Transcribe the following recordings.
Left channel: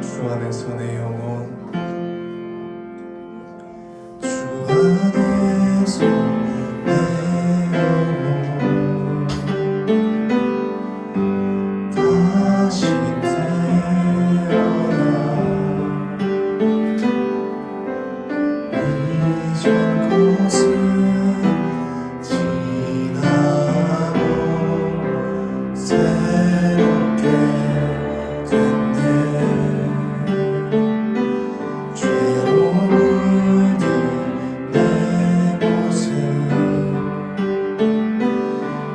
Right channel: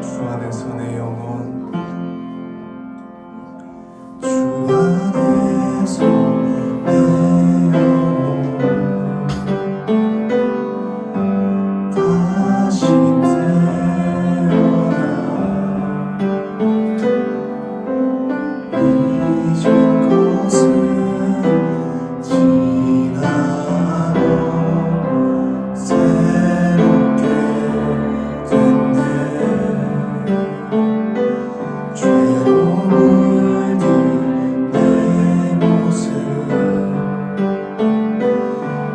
주 안에서 내 영혼, 주 안에서 내 영혼 다시 태어나 이전 것은 지나고 새롭게 됐네. 죄로 물든 내 모습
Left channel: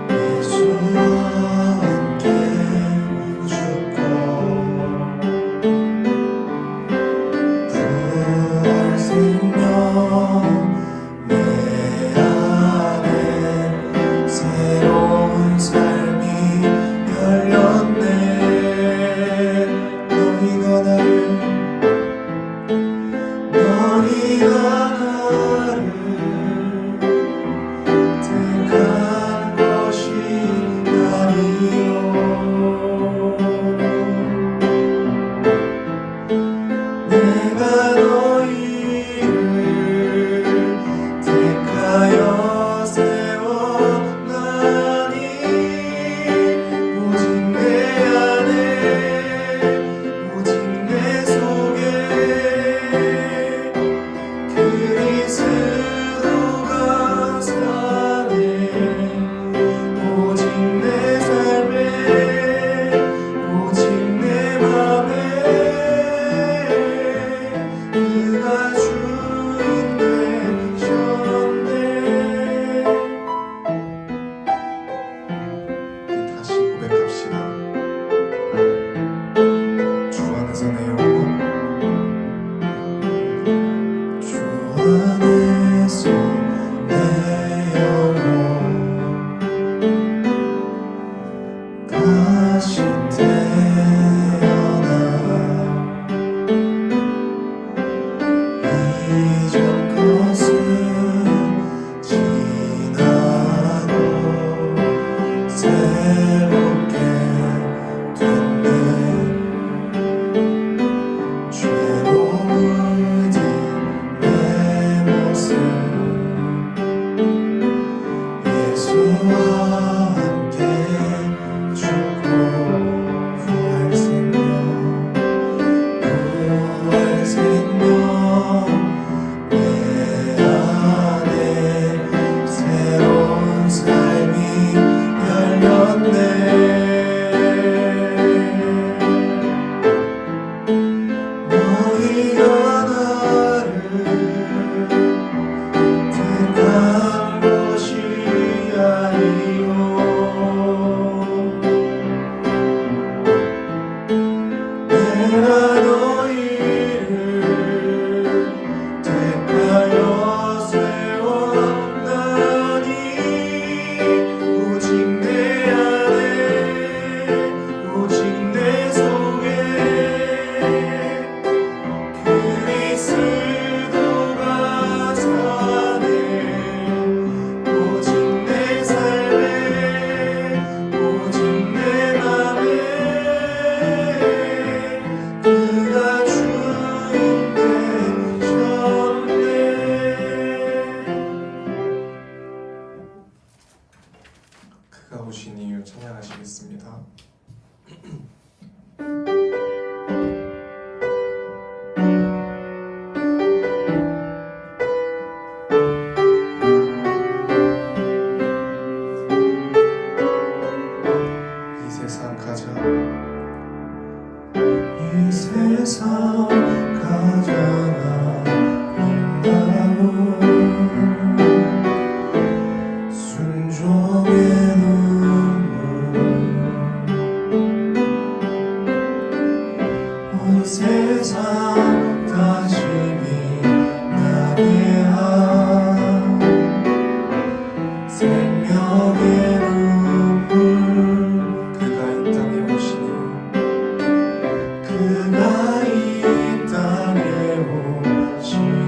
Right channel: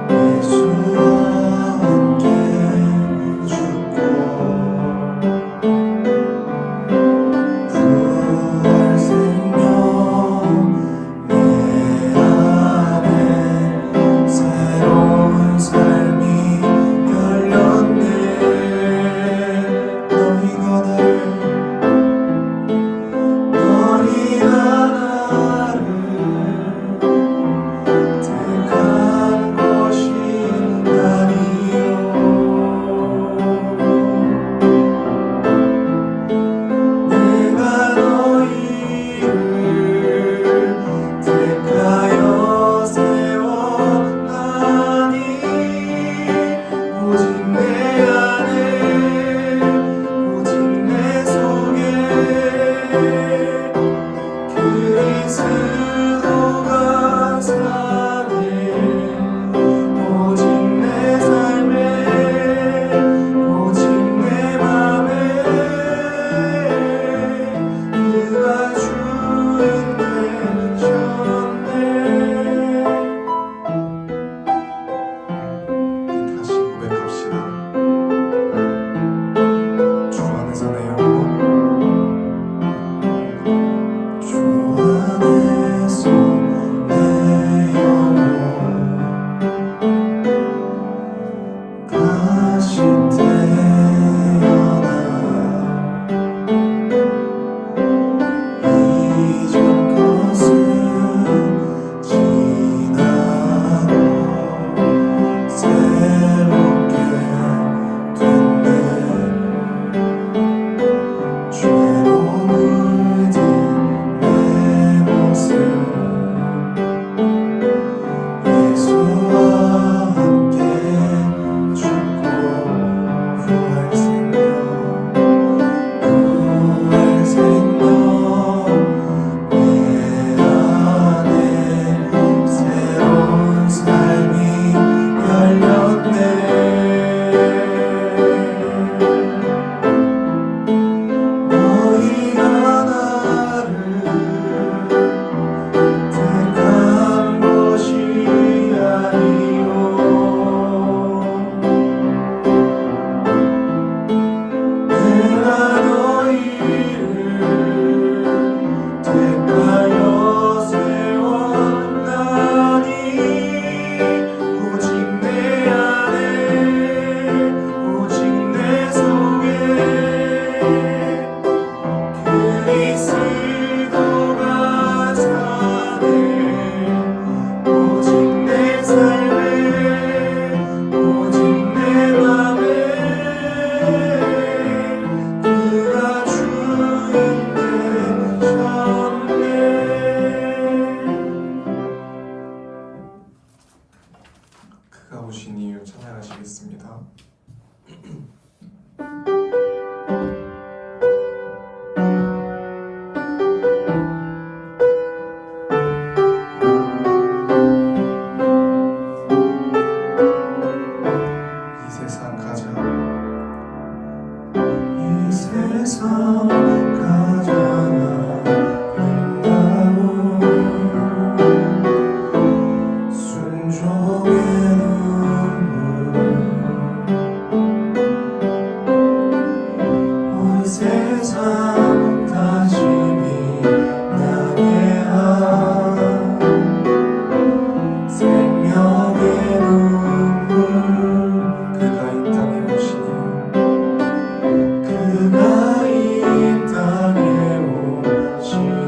예수와 함께 죽고 부활 생명 내 안에 새로운 삶이 열렸네. 너희가 나를 택한 것이 아니요 내가 너희를 택하여 세웠나니 오직 내 안에 오직 내 속에 그리스도가 사네. 오직 내 삶에 오직 내 맘에 그가 주인 되셨네. 다시 고백합시다. 주 안에서 내 영혼, 주 안에서 내 영혼 다시 태어나 이전 것은 지나고 새롭게 됐네. 죄로 물든 내 모습 예수와 함께 죽고 부활 생명 내 안에 새로운 삶이 열렸네. 너희가 나를 택한 것이 아니요 내가 너희를 택하여 세웠나니 오직 내 안에 오직 내 속에 그리스도가 사네. 오직 내 삶에 오직 내 맘에 그가 주인 되셨네. 그가 오신 이유 찬양하시겠습니다. 이 세상 가장 아름다운 순종의 눈물 온 세상 다시 빛나게 한 생명의 눈물 그가 이 땅에 오시니 그가 이 땅에 오시니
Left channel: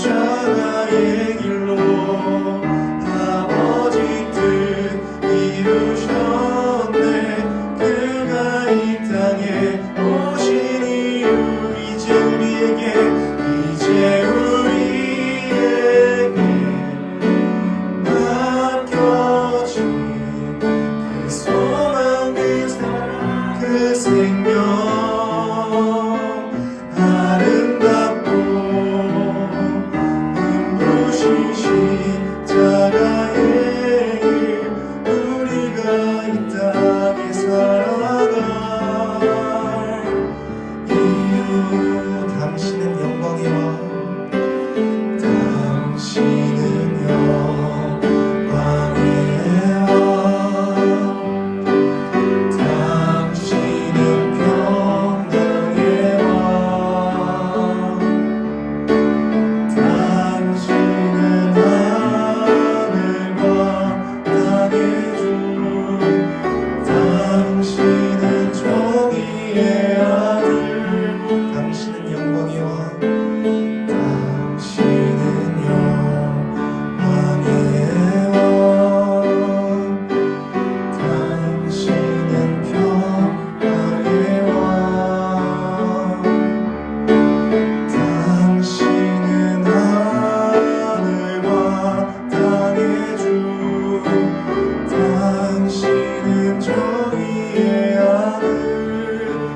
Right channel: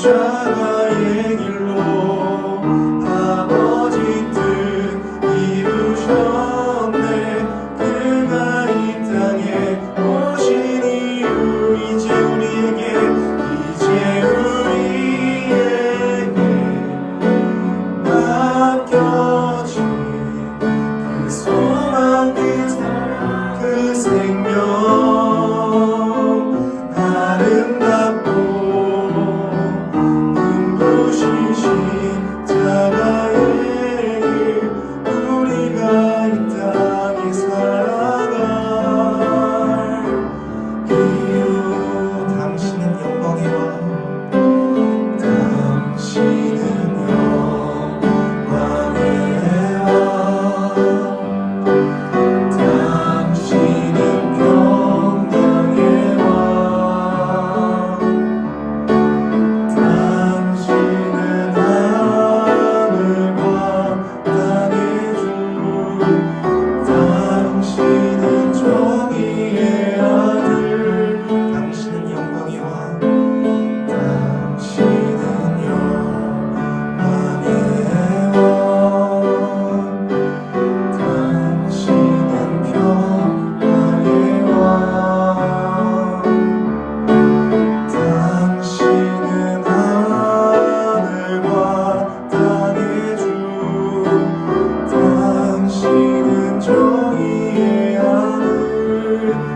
십자가의 길로 아버지 뜻 이루셨네. 그가 이 땅에 오신 이유 이제 우리에게 맡겨진 그 소망 그 생명 아름답고 십자가의 길 우리가 이 땅에 살아갈 이유 당신은 영광의 왕 당신은 영광의 왕 당신은 평강의 왕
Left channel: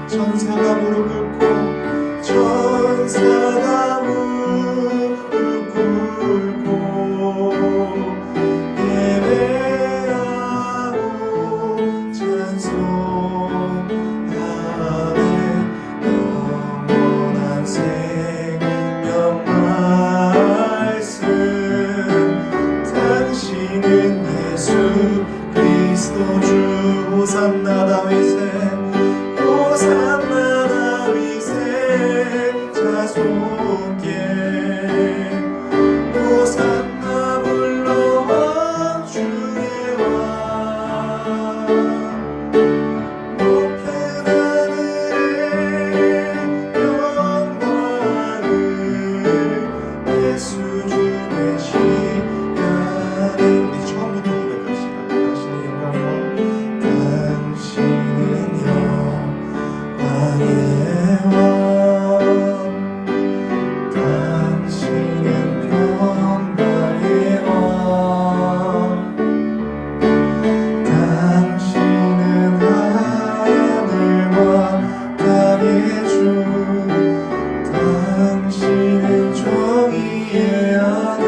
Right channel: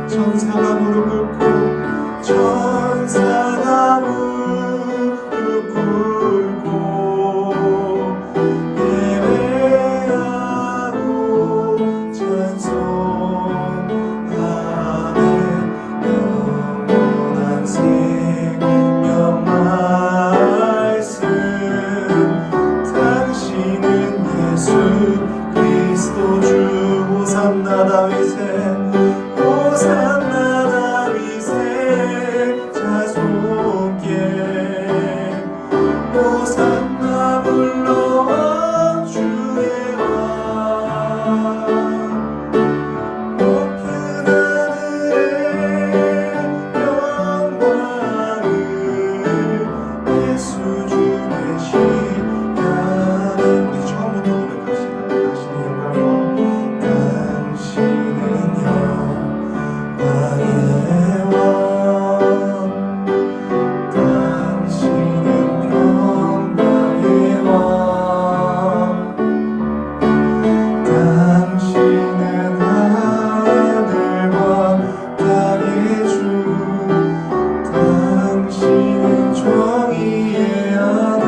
천사가 무릎 꿇고 천사가 무릎 꿇고 예배하고 찬송하네. 영원한 생명 말씀 당신은 예수 그리스도 주 호산나 다윗의 호산나 다윗의 자손께 호산나 불러와 주의 왕 높은 하늘의 영광을 예수 주 되시나니 우리 처음부터 고백합시다. 당신은 영광의 왕 당신은 평강의 왕 당신은 하늘과 땅의 주 당신은 정의의 아들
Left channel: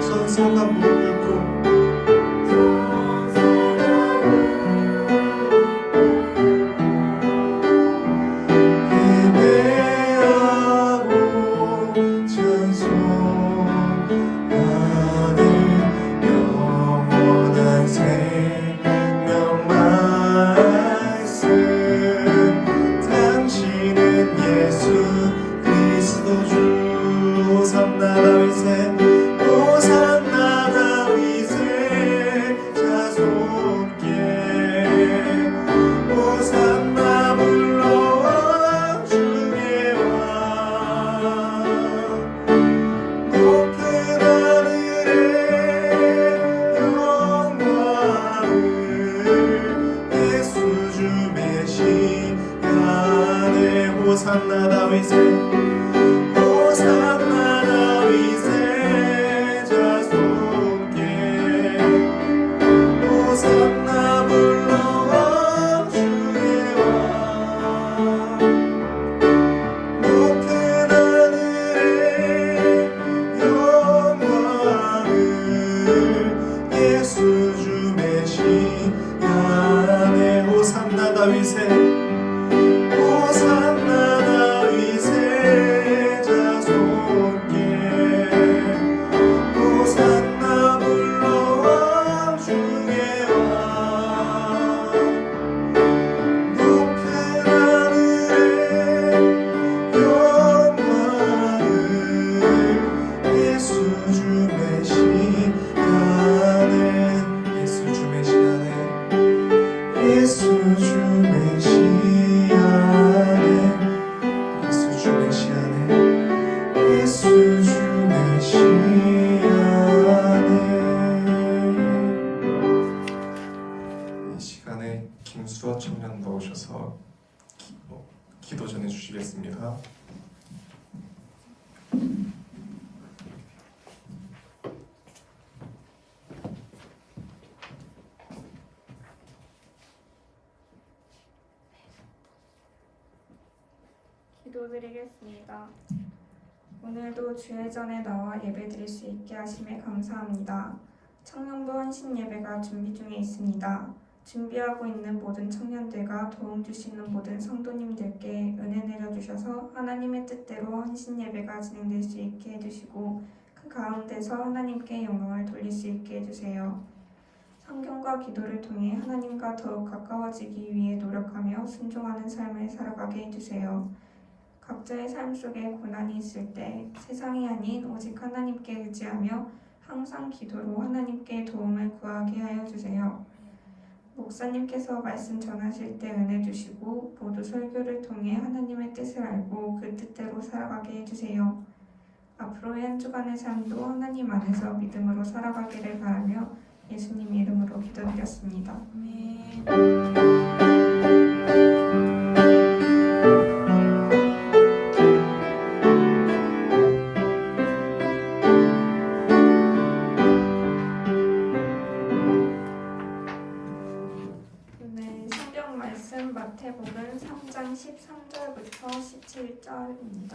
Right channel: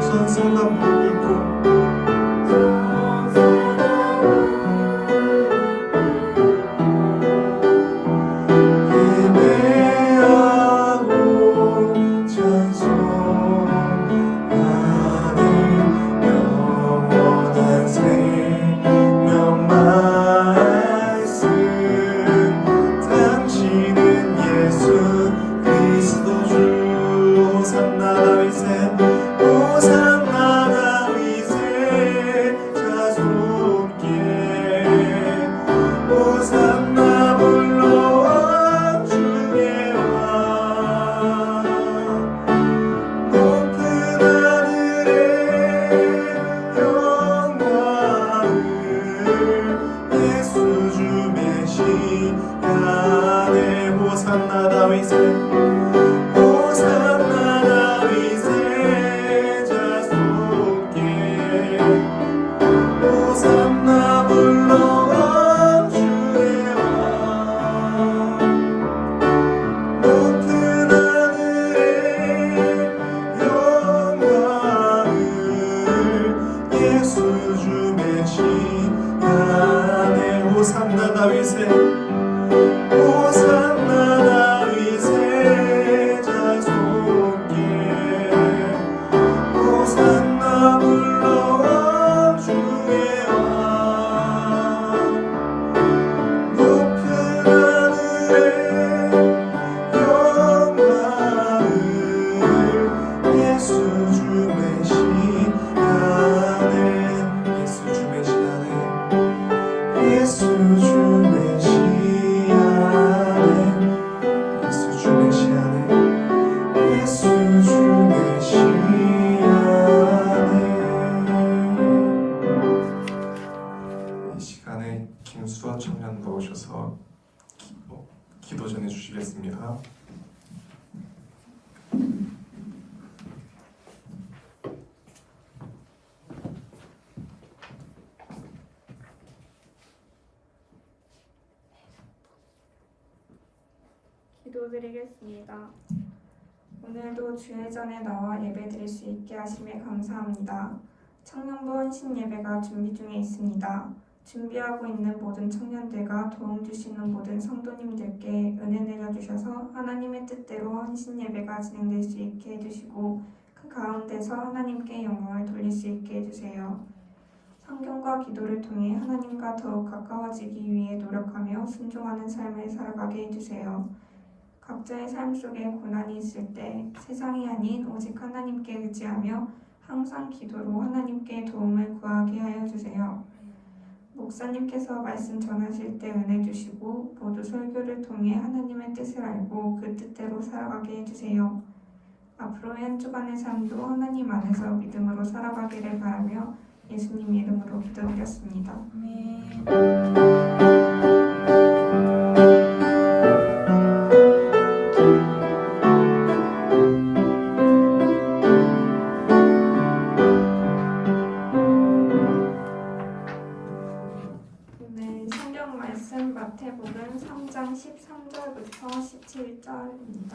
천사가 무릎 꿇고 예배하고 찬송하는 영원한 생명 말씀 당신은 예수 그리스도 주 호산나 다윗의 호산나 다윗의 자손께 호산나 불러와 주의 왕 높은 하늘의 영광을 예수 주 메시아네. 호산나 다윗의 호산나 다윗의 자손께 호산나 불러와 주의 왕 높은 하늘의 영광을 예수 주 메시아네. 호산나 다윗의 호산나 다윗의 자손께 호산나 불러와 나눠드리겠습니다. 기도드리겠습니다. 오늘도 주의 전에 나와 예배드릴 수 있게 하심에 감사합니다. 청년부 헌신 예배가 준비 중에 있습니다. 준비하고 있는 모든 청년들과 도움 주시는 모든 성도님들께 은혜 내려주셔서 하나님의 뜻대로 헌신 예배가 진행될 수 있게 해주시고 그 가운데서 하나님께 영광을 돌릴 수 있게 해주세요. 성경과 기도를 통해 하나님과 더욱 가까워지기 위해 노력하며 순종하는 삶을 살아가게 해주세요. 각자의 삶 속에 고난이 있을 때 세상이 아닌 오직 하나님께 의지하며 항상 기도로 하나님께 도움을 구하게 하여 주세요. 목사님께서 말씀 전하실 때 은혜 주시고 모두 설교를 통해 하나님의 뜻을 알고 그 뜻대로 살아가게 해주세요. 앞으로의 한 주간의 삶도 하나님 안에서 믿음으로 살아가기를 바라며 예수님 이름으로 기도드렸습니다. 아멘. 마태복음 3장 13절부터 17절입니다.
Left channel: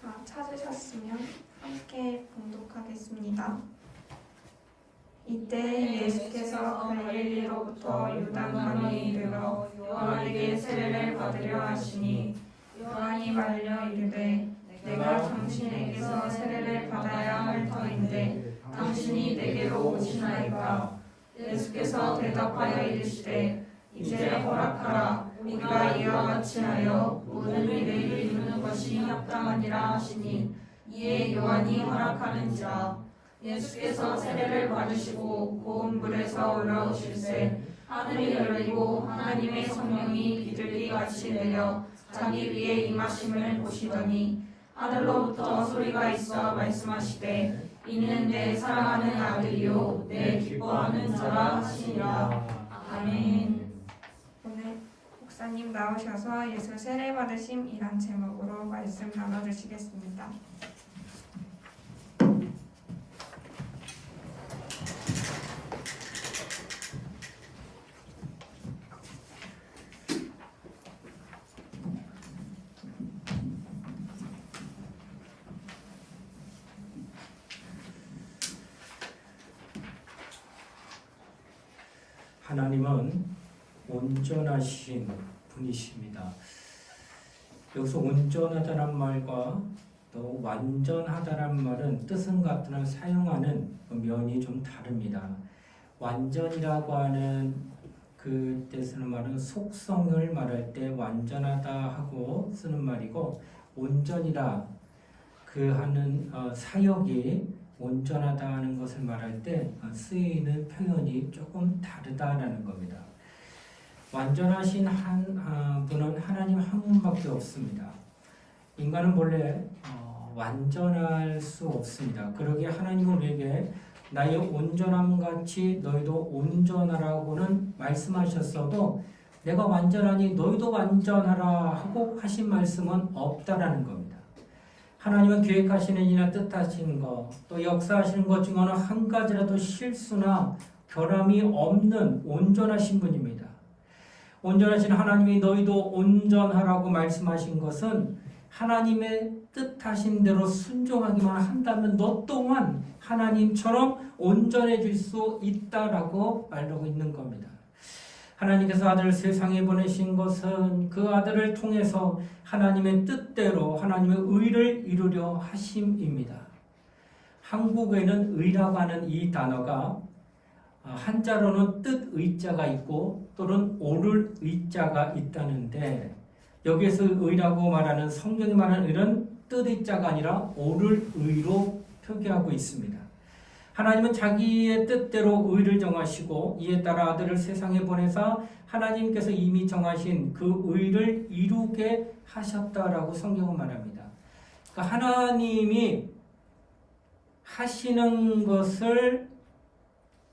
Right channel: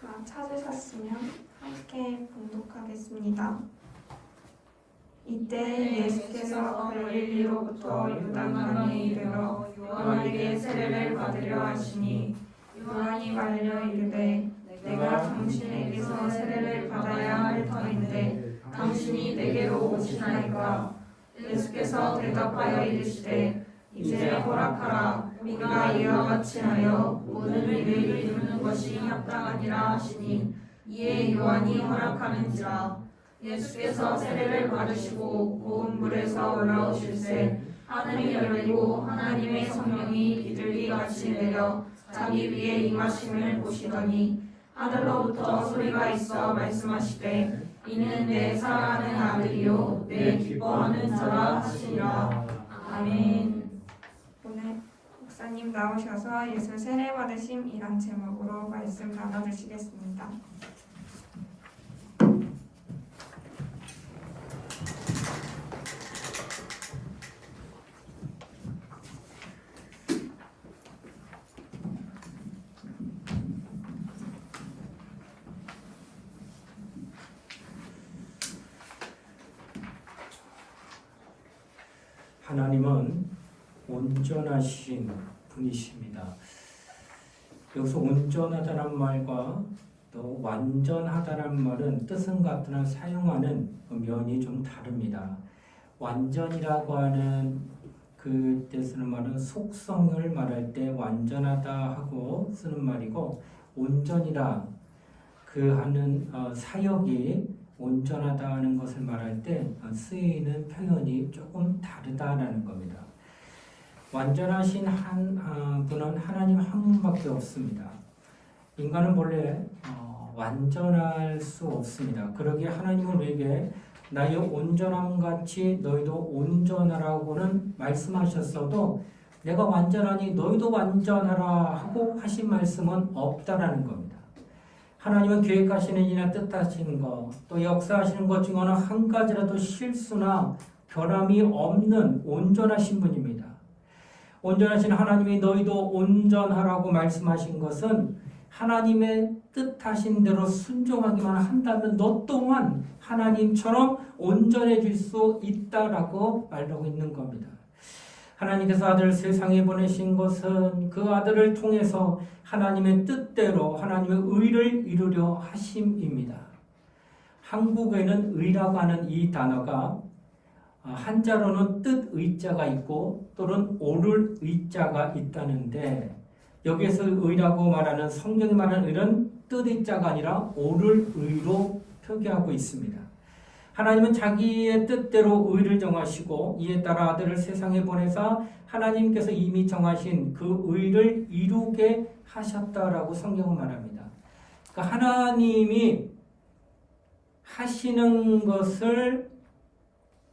다 찾으셨으면 함께 봉독하겠습니다. 이때 예수께서 갈릴리로부터 요단강에 이르러 요한에게 세례를 받으려 하시니 요한이 말려 이르되 내가 당신에게서 세례를 받아야 할 터인데 당신이 내게로 오시나이까. 예수께서 대답하여 이르시되 이제 허락하라. 우리가 이와 같이 하여 모든 일을 이루는 것이 합당하니라 하시니 이에 요한이 허락하는지라. 예수께서 세례를 받으시고 고운 불에서 올라오실새 하늘이 열리고 하나님의 성령이 비둘기같이 내려 자기 위에 임하심을 보시더니 하늘로부터 소리가 있어 말씀하시되 이는 내 사랑하는 아들이요 내 기뻐하는 자라 하시니라. 아멘. 오늘 목사님 나오셔서 예수 세례 받으심이란 제목으로 말씀 나눠주시겠습니다. 하나님은 온전하신 분이십니다. 여기서 온전하다는 말과 또 완전하다는 말은 뜻은 같으나 사용하는 면이 좀 다릅니다. 완전이라고 하는 그때 쓰는 말은 속성을 말할 때 완전하다 하고 쓰는 말이고, 온전이라 그 하는 사역이 온전하다 하는 것을 말할 때 쓰이는 표현이 조금 다르다라는 겁니다. 완전하신 분은 하나님 한 분밖에 없습니다. 인간은 본래 완전할 수 없습니다. 그러기에 하나님은 우리에게 나의 온전함 같이 너희도 온전하라고는 말씀하셨어도 내가 완전하니 너희도 완전하라 하고 하신 말씀은 없다라는 겁니다. 하나님은 계획하시는 일이나 뜻하시는 것, 또 역사하시는 것 중 어느 한 가지라도 실수나 결함이 없는 온전하신 분입니다. 온전하신 하나님이 너희도 온전하라고 말씀하신 것은 하나님의 뜻하신 대로 순종하기만 한다면 너 또한 하나님처럼 온전해질 수 있다라고 말하고 있는 겁니다. 하나님께서 아들을 세상에 보내신 것은 그 아들을 통해서 하나님의 뜻대로 하나님의 의를 이루려 하심입니다. 한국에는 의라고 하는 이 단어가 한자로는 뜻의자가 있고 또는 옳을 의자가 있다는데, 여기에서 의라고 말하는 성경이 말하는 의는 뜻의자가 아니라 옳을 의로 표기하고 있습니다. 하나님은 자기의 뜻대로 의를 정하시고 이에 따라 아들을 세상에 보내사 하나님께서 이미 정하신 그 의를 이루게 하셨다라고 성경은 말합니다. 그러니까 하시는 것을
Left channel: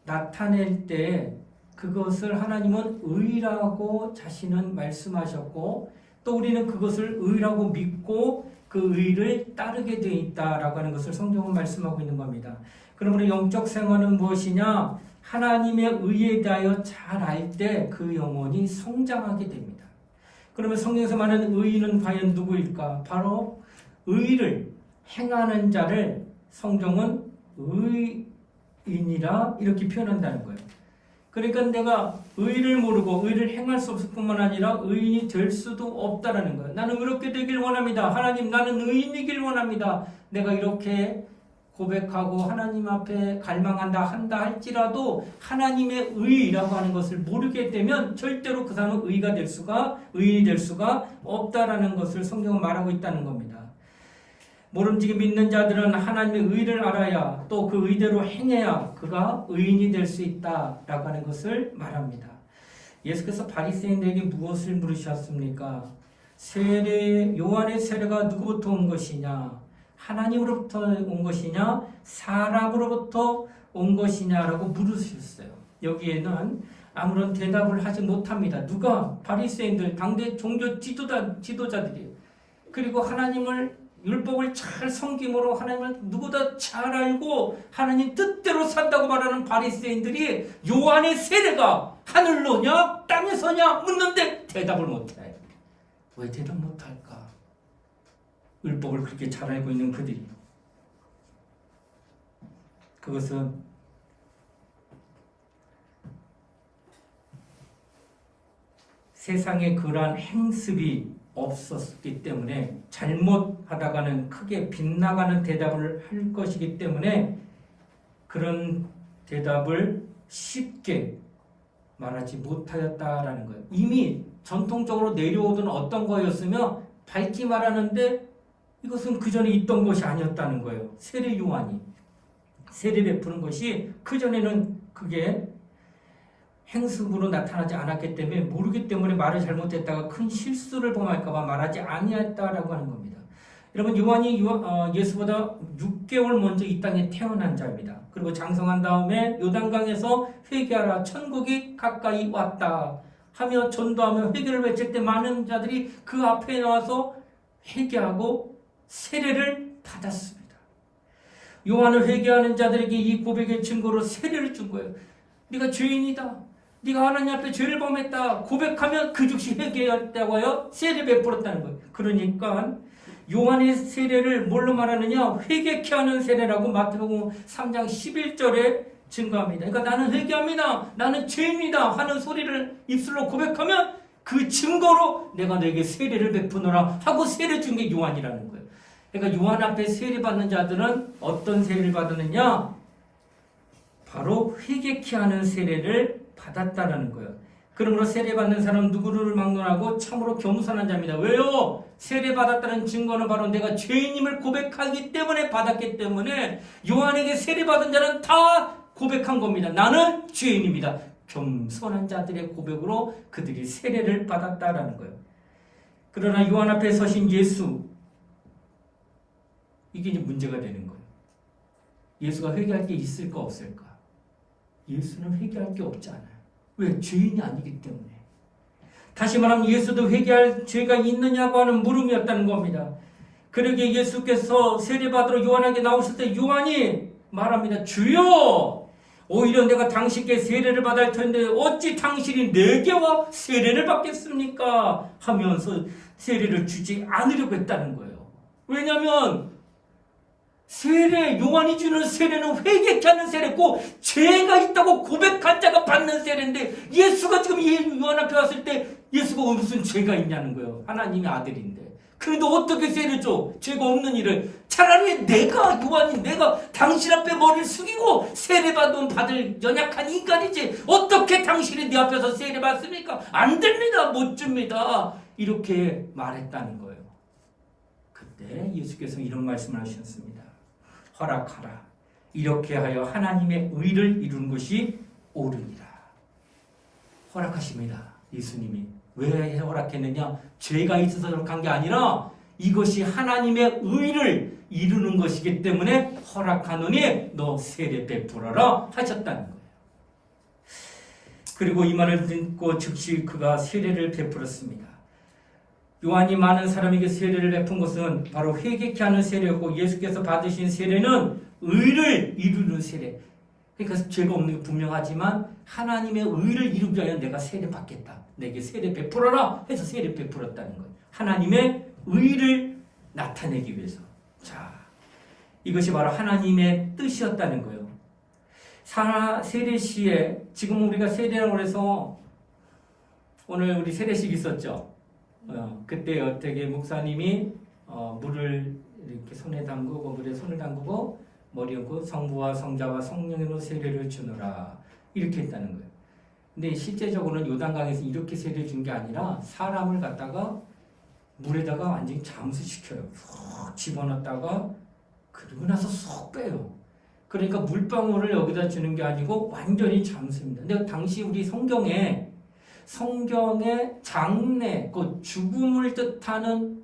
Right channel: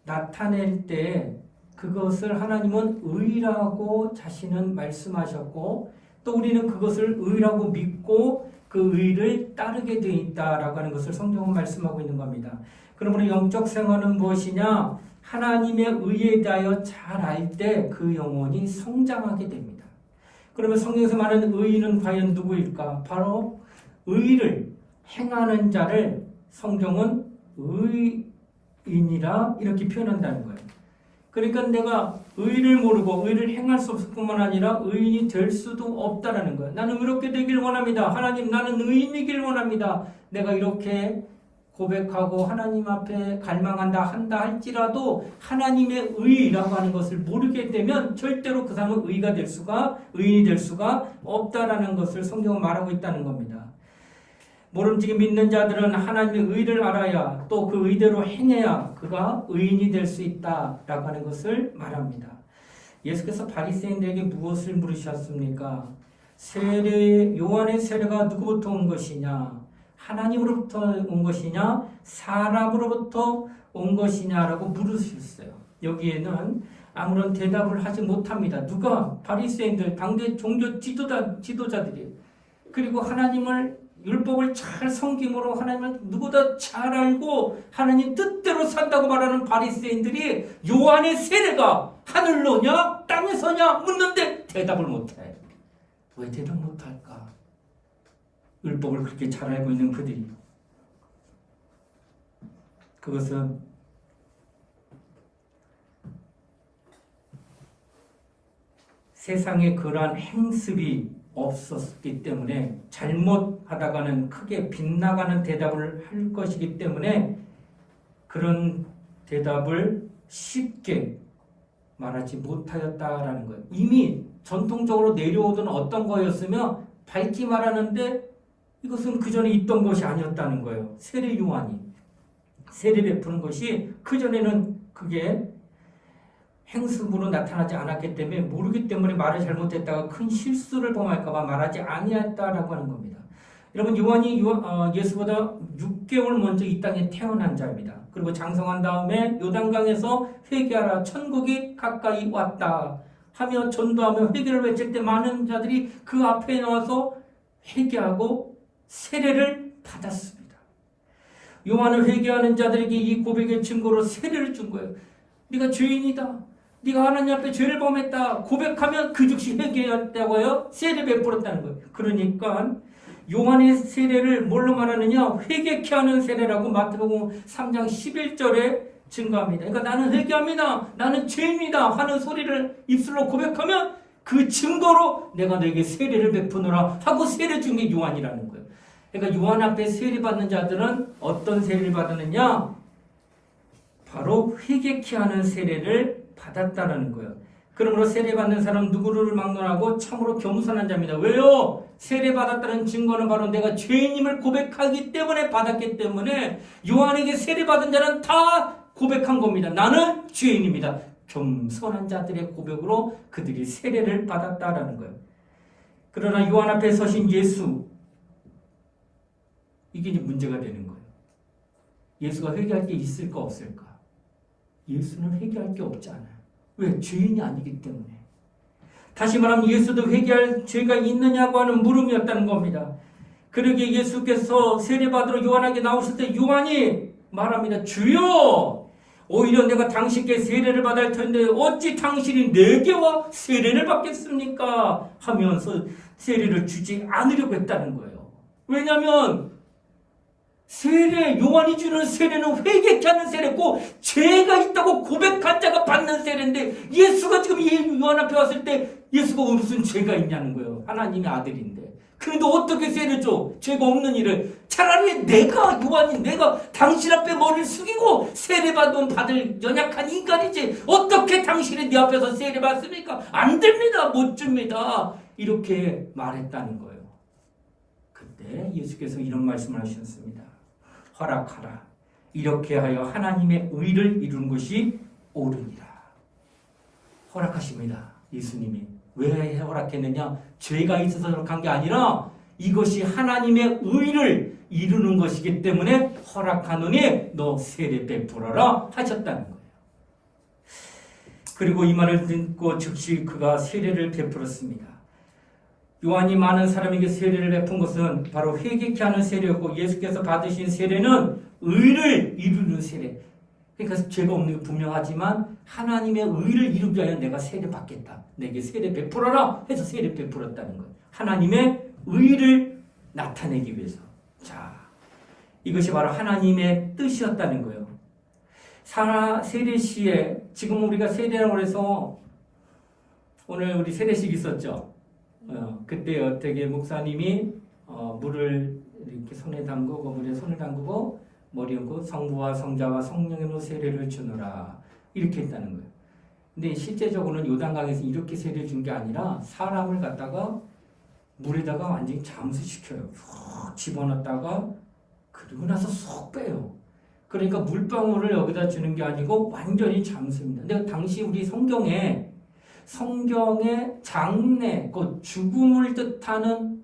나타낼 때 그것을 하나님은 의라고 자신은 말씀하셨고 또 우리는 그것을 의라고 믿고 그 의를 따르게 되어 있다라고 하는 것을 성경은 말씀하고 있는 겁니다. 그러므로 영적 생활은 무엇이냐? 하나님의 의에 대하여 잘 알 때 그 영혼이 성장하게 됩니다. 그러면 성경에서 말하는 의인은 과연 누구일까? 바로 의를 행하는 자를 성경은 의인이라 이렇게 표현한다는 거예요. 그러니까 내가 의를 모르고 의를 행할 수 없을 뿐만 아니라 의인이 될 수도 없다라는 거예요. 나는 의롭게 되길 원합니다. 하나님, 나는 의인이길 원합니다. 내가 이렇게 고백하고 하나님 앞에 갈망한다 한다 할지라도 하나님의 의라고 하는 것을 모르게 되면 절대로 그 사람은 의인이 될 수가 없다라는 것을 성경은 말하고 있다는 겁니다. 모름지기 믿는 자들은 하나님의 의를 알아야 또 그 의대로 행해야 그가 의인이 될 수 있다라고 하는 것을 말합니다. 예수께서 바리새인들에게 무엇을 물으셨습니까? 요한의 세례가 누구부터 온 것이냐? 하나님으로부터 온 것이냐? 사람으로부터 온 것이냐라고 물으셨어요. 여기에는 아무런 대답을 하지 못합니다. 누가? 바리새인들, 당대 종교 지도자들이에요. 그리고 하나님을 율법을 잘 섬김으로 하나님을 누구보다 잘 알고 하나님 뜻대로 산다고 말하는 바리새인들이 요한의 세례가 하늘로냐 땅에서냐 묻는데 대답을 못해. 왜 대답 못할까? 율법을 그렇게 잘 알고 있는 그들이. 그것은 세상에 그러한 행습이 없었기 때문에 잘못하다가는 크게 빗나가는 대답을 할 것이기 때문에 그런 대답을 쉽게 말하지 못하였다라는 거예요. 이미 전통적으로 내려오던 어떤 거였으며 밝히 말하는데 이것은 그 전에 있던 것이 아니었다는 거예요. 세례 요한이 세례 베푸는 것이 그 전에는 그게 행습으로 나타나지 않았기 때문에 모르기 때문에 말을 잘못했다가 큰 실수를 범할까봐 말하지 아니했다라고 하는 겁니다. 여러분 요한이 예수보다 6개월 먼저 이 땅에 태어난 자입니다. 그리고 장성한 다음에 요단강에서 회개하라 천국이 가까이 왔다 하며 전도하며 회개를 외칠 때 많은 자들이 그 앞에 나와서 회개하고 세례를 받았습니다. 요한을 회개하는 자들에게 이 고백의 증거로 세례를 준 거예요. 네가 죄인이다. 네가 하나님 앞에 죄를 범했다. 고백하면 그 즉시 회개했다고요. 세례 베풀었다는 거예요. 그러니까 요한의 세례를 뭘로 말하느냐? 회개케 하는 세례라고 마태복음 3장 11절에 증거합니다. 그러니까 나는 회개합니다. 나는 죄입니다. 하는 소리를 입술로 고백하면 그 증거로 내가 너에게 세례를 베푸노라 하고 세례 준 게 요한이라는 거예요. 그러니까 요한 앞에 세례 받는 자들은 어떤 세례를 받느냐? 바로 회개케 하는 세례를 받았다라는 거예요. 그러므로 세례받는 사람 누구를 막론하고 참으로 겸손한 자입니다. 왜요? 세례받았다는 증거는 바로 내가 죄인임을 고백하기 때문에 받았기 때문에 요한에게 세례받은 자는 다 고백한 겁니다. 나는 죄인입니다. 겸손한 자들의 고백으로 그들이 세례를 받았다라는 거예요. 그러나 요한 앞에 서신 예수, 이게 이제 문제가 되는 거예요. 예수가 회개할 게 있을까 없을까? 예수는 회개할 게 없잖아요. 왜? 죄인이 아니기 때문에. 다시 말하면 예수도 회개할 죄가 있느냐고 하는 물음이었다는 겁니다. 그러기에 예수께서 세례받으러 요한에게 나오실 때 요한이 말합니다. 주여! 오히려 내가 당신께 세례를 받을 텐데 어찌 당신이 내게와 세례를 받겠습니까? 하면서 세례를 주지 않으려고 했다는 거예요. 왜냐하면 요한이 주는 세례는 회개케 하는 세례고 죄가 있다고 고백한 자가 받는 세례인데 예수가 지금 요한 앞에 왔을 때 예수가 무슨 죄가 있냐는 거예요. 하나님의 아들인데. 그런데 어떻게 세례 줘? 죄가 없는 일을. 차라리 요한이 내가 당신 앞에 머리를 숙이고 세례 받을 연약한 인간이지 어떻게 당신이 네 앞에서 세례 받습니까? 안 됩니다. 못 줍니다. 이렇게 말했다는 거예요. 그때 예수께서 이런 말씀을 하셨습니다. 허락하라. 이렇게 하여 하나님의 의를 이루는 것이 옳으니라. 허락하십니다. 예수님이. 왜 허락했느냐? 죄가 있어서 허락한 게 아니라 이것이 하나님의 의를 이루는 것이기 때문에 허락하노니 너 세례 베풀어라 하셨다는 거예요. 그리고 이 말을 듣고 즉시 그가 세례를 베풀었습니다. 요한이 많은 사람에게 세례를 베푼 것은 바로 회개케 하는 세례였고, 예수께서 받으신 세례는 의를 이루는 세례. 그러니까 죄가 없는 게 분명하지만 하나님의 의를 이루기 위하여 내가 세례 받겠다, 내게 세례 베풀어라 해서 세례 베풀었다는 거예요. 하나님의 의를 나타내기 위해서. 자, 이것이 바로 하나님의 뜻이었다는 거예요. 세례 시에, 지금 우리가 세례라고 해서 오늘 우리 세례식 있었죠. 그때 어떻게 목사님이 물을 이렇게 손에 담그고, 물에 손을 담그고 머리 얹고 성부와 성자와 성령으로 세례를 주노라 이렇게 했다는 거예요. 근데 실제적으로는 요단강에서 이렇게 세례를 준 게 아니라 사람을 갖다가 물에다가 완전히 잠수시켜요. 푹 집어넣었다가 그리고 나서 쏙 빼요. 그러니까 물방울을 여기다 주는 게 아니고 완전히 잠수입니다. 근데 당시 우리 성경에 장례, 그 죽음을 뜻하는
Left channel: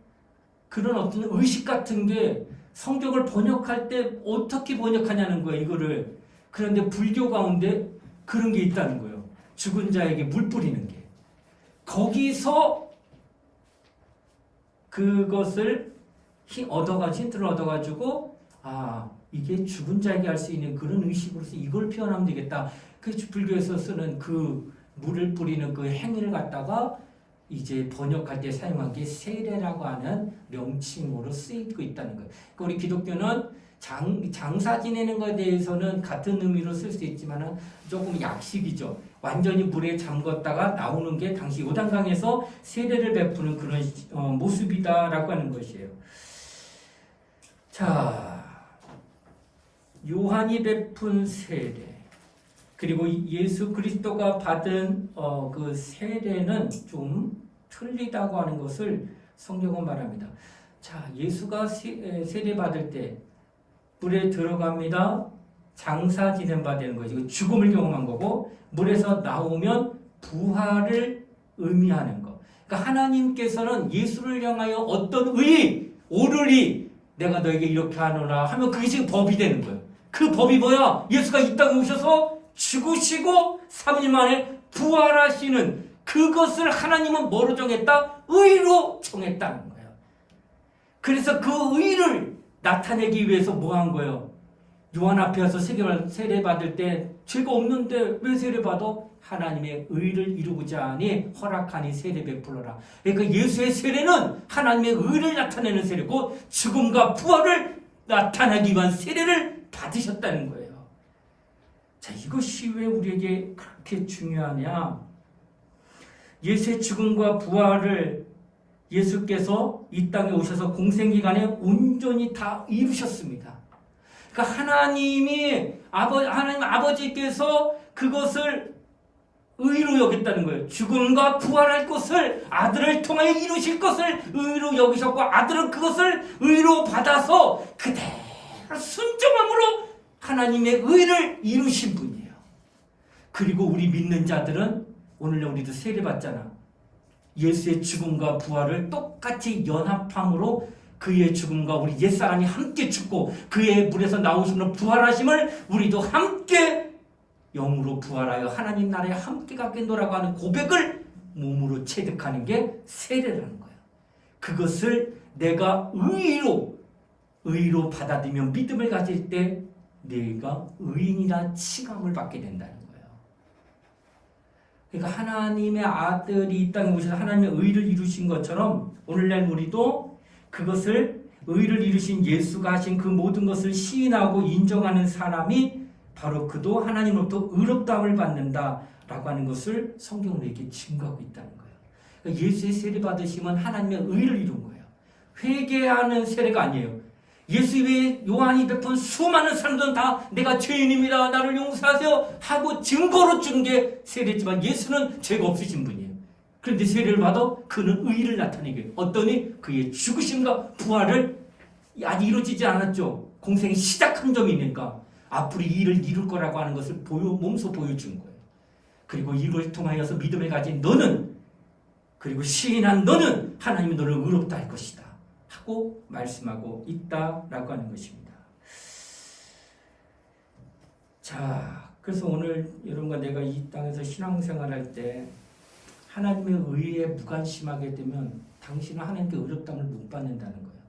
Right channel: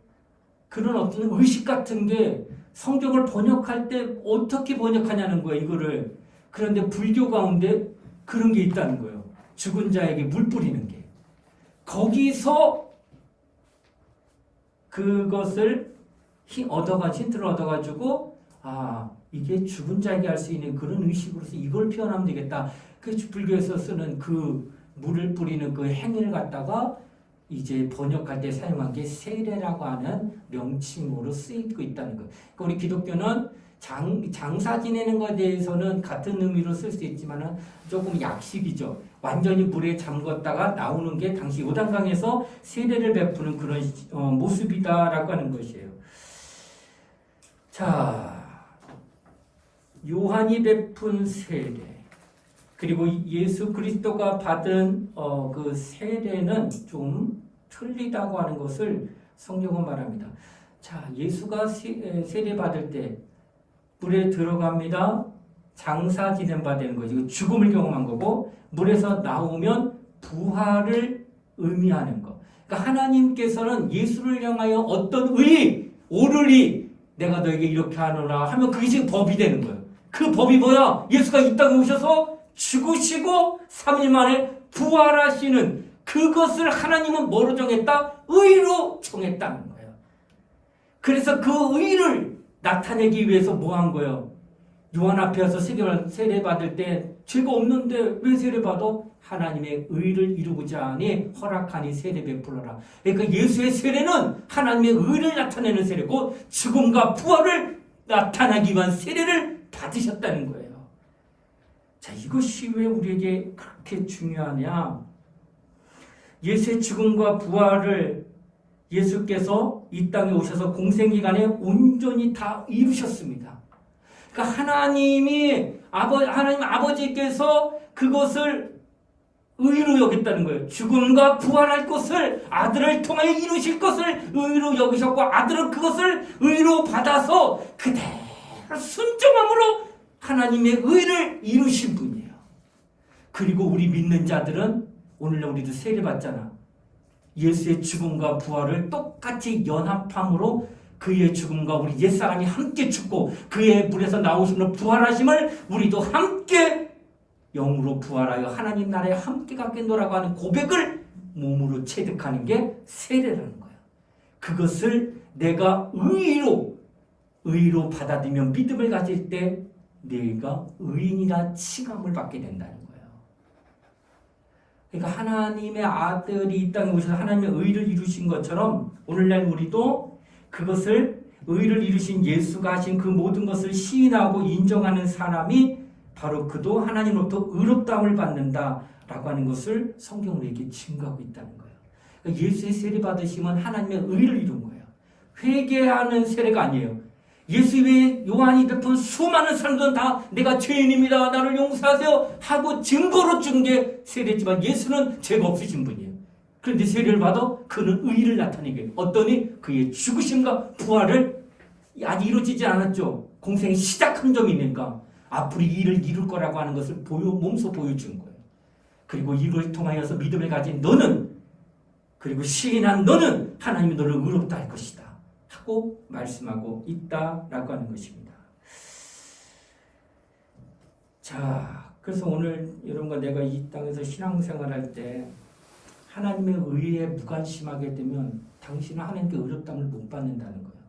그런 어떤 의식 같은 게 성경을 번역할 때 어떻게 번역하냐는 거예요, 이거를. 그런데 불교 가운데 그런 게 있다는 거예요. 죽은 자에게 물 뿌리는 게. 거기서 그것을 힌트를 얻어가지고, 이게 죽은 자에게 할 수 있는 그런 의식으로서 이걸 표현하면 되겠다. 그 불교에서 쓰는 그 물을 뿌리는 그 행위를 갖다가 이제 번역할 때 사용한 게 세례라고 하는 명칭으로 쓰이고 있다는 거예요. 그러니까 우리 기독교는 장사 지내는 것에 대해서는 같은 의미로 쓸 수 있지만 조금 약식이죠. 완전히 물에 잠궜다가 나오는 게 당시 요단강에서 세례를 베푸는 그런 모습이다라고 하는 것이에요. 자, 요한이 베푼 세례, 그리고 예수 그리스도가 받은 그 세례는 좀 틀리다고 하는 것을 성경은 말합니다. 자, 예수가 세례 받을 때 물에 들어갑니다. 장사 지낸 바 되는 거죠. 죽음을 경험한 거고, 물에서 나오면 부활을 의미하는 거. 그러니까 하나님께서는 예수를 향하여 어떤 의의, 오르리, 내가 너에게 이렇게 하노라 하면 그게 지금 법이 되는 거예요. 그 법이 뭐야? 예수가 이 땅에 오셔서 죽으시고 3일 만에 부활하시는 그것을 하나님은 뭐로 정했다? 의로 정했다는 거예요. 그래서 그 의를 나타내기 위해서 뭐 한 거예요? 요한 앞에 와서 세례 받을 때 죄가 없는데 왜 세례 받아? 하나님의 의를 이루고자 하니 허락하니 세례 베풀어라. 그러니까 예수의 세례는 하나님의 의를 나타내는 세례고, 죽음과 부활을 나타나기 위한 세례를 받으셨다는 거예요. 자, 이것이 왜 우리에게 그렇게 중요하냐? 예수의 죽음과 부활을 예수께서 이 땅에 오셔서 공생기간에 온전히 다 이루셨습니다. 그러니까 하나님 아버지께서 그것을 의로 여겼다는 거예요. 죽음과 부활할 것을 아들을 통하여 이루실 것을 의로 여기셨고, 아들은 그것을 의로 받아서 그대로 순종함으로 하나님의 의를 이루신 분이에요. 그리고 우리 믿는 자들은 오늘날 우리도 세례 받잖아. 예수의 죽음과 부활을 똑같이 연합함으로 그의 죽음과 우리 옛사람이 함께 죽고 그의 물에서 나오심으로 부활하심을 우리도 함께 영으로 부활하여 하나님 나라에 함께 갖겠노라고 하는 고백을 몸으로 체득하는 게 세례라는 거예요. 그것을 내가 의로 받아들이며 믿음을 가질 때 내가 의인이라 칭함을 받게 된다는 거예요. 그러니까 하나님의 아들이 이 땅에 오셔서 하나님의 의를 이루신 것처럼 오늘날 우리도 그것을, 의를 이루신 예수가 하신 그 모든 것을 시인하고 인정하는 사람이 바로 그도 하나님으로부터 의롭다함을 받는다라고 하는 것을 성경으로 이렇게 증거하고 있다는 거예요. 그러니까 예수의 세례 받으시면 하나님의 의를 이룬 거예요. 회개하는 세례가 아니에요. 예수의 요한이 베푼 수많은 사람들은 다 내가 죄인입니다, 나를 용서하세요 하고 증거로 준 게 세례지만 예수는 죄가 없으신 분이에요. 그런데 세례를 받아 그는 의를 나타내게 해요. 어떠니 그의 죽으심과 부활을 아직 이루어지지 않았죠. 공생이 시작한 점이 있으니까 앞으로 이 일을 이룰 거라고 하는 것을 몸소 보여준 거예요. 그리고 이걸 통하여서 믿음을 가진 너는, 그리고 시인한 너는 하나님이 너를 의롭다 할 것이다 하고 하고 말씀하고 있다라고 하는 것입니다. 자, 그래서 오늘 여러분과 내가 이 땅에서 신앙생활할 때 하나님의 의에 무관심하게 되면 당신은 하나님께 의롭다함을 못 받는다는 거예요.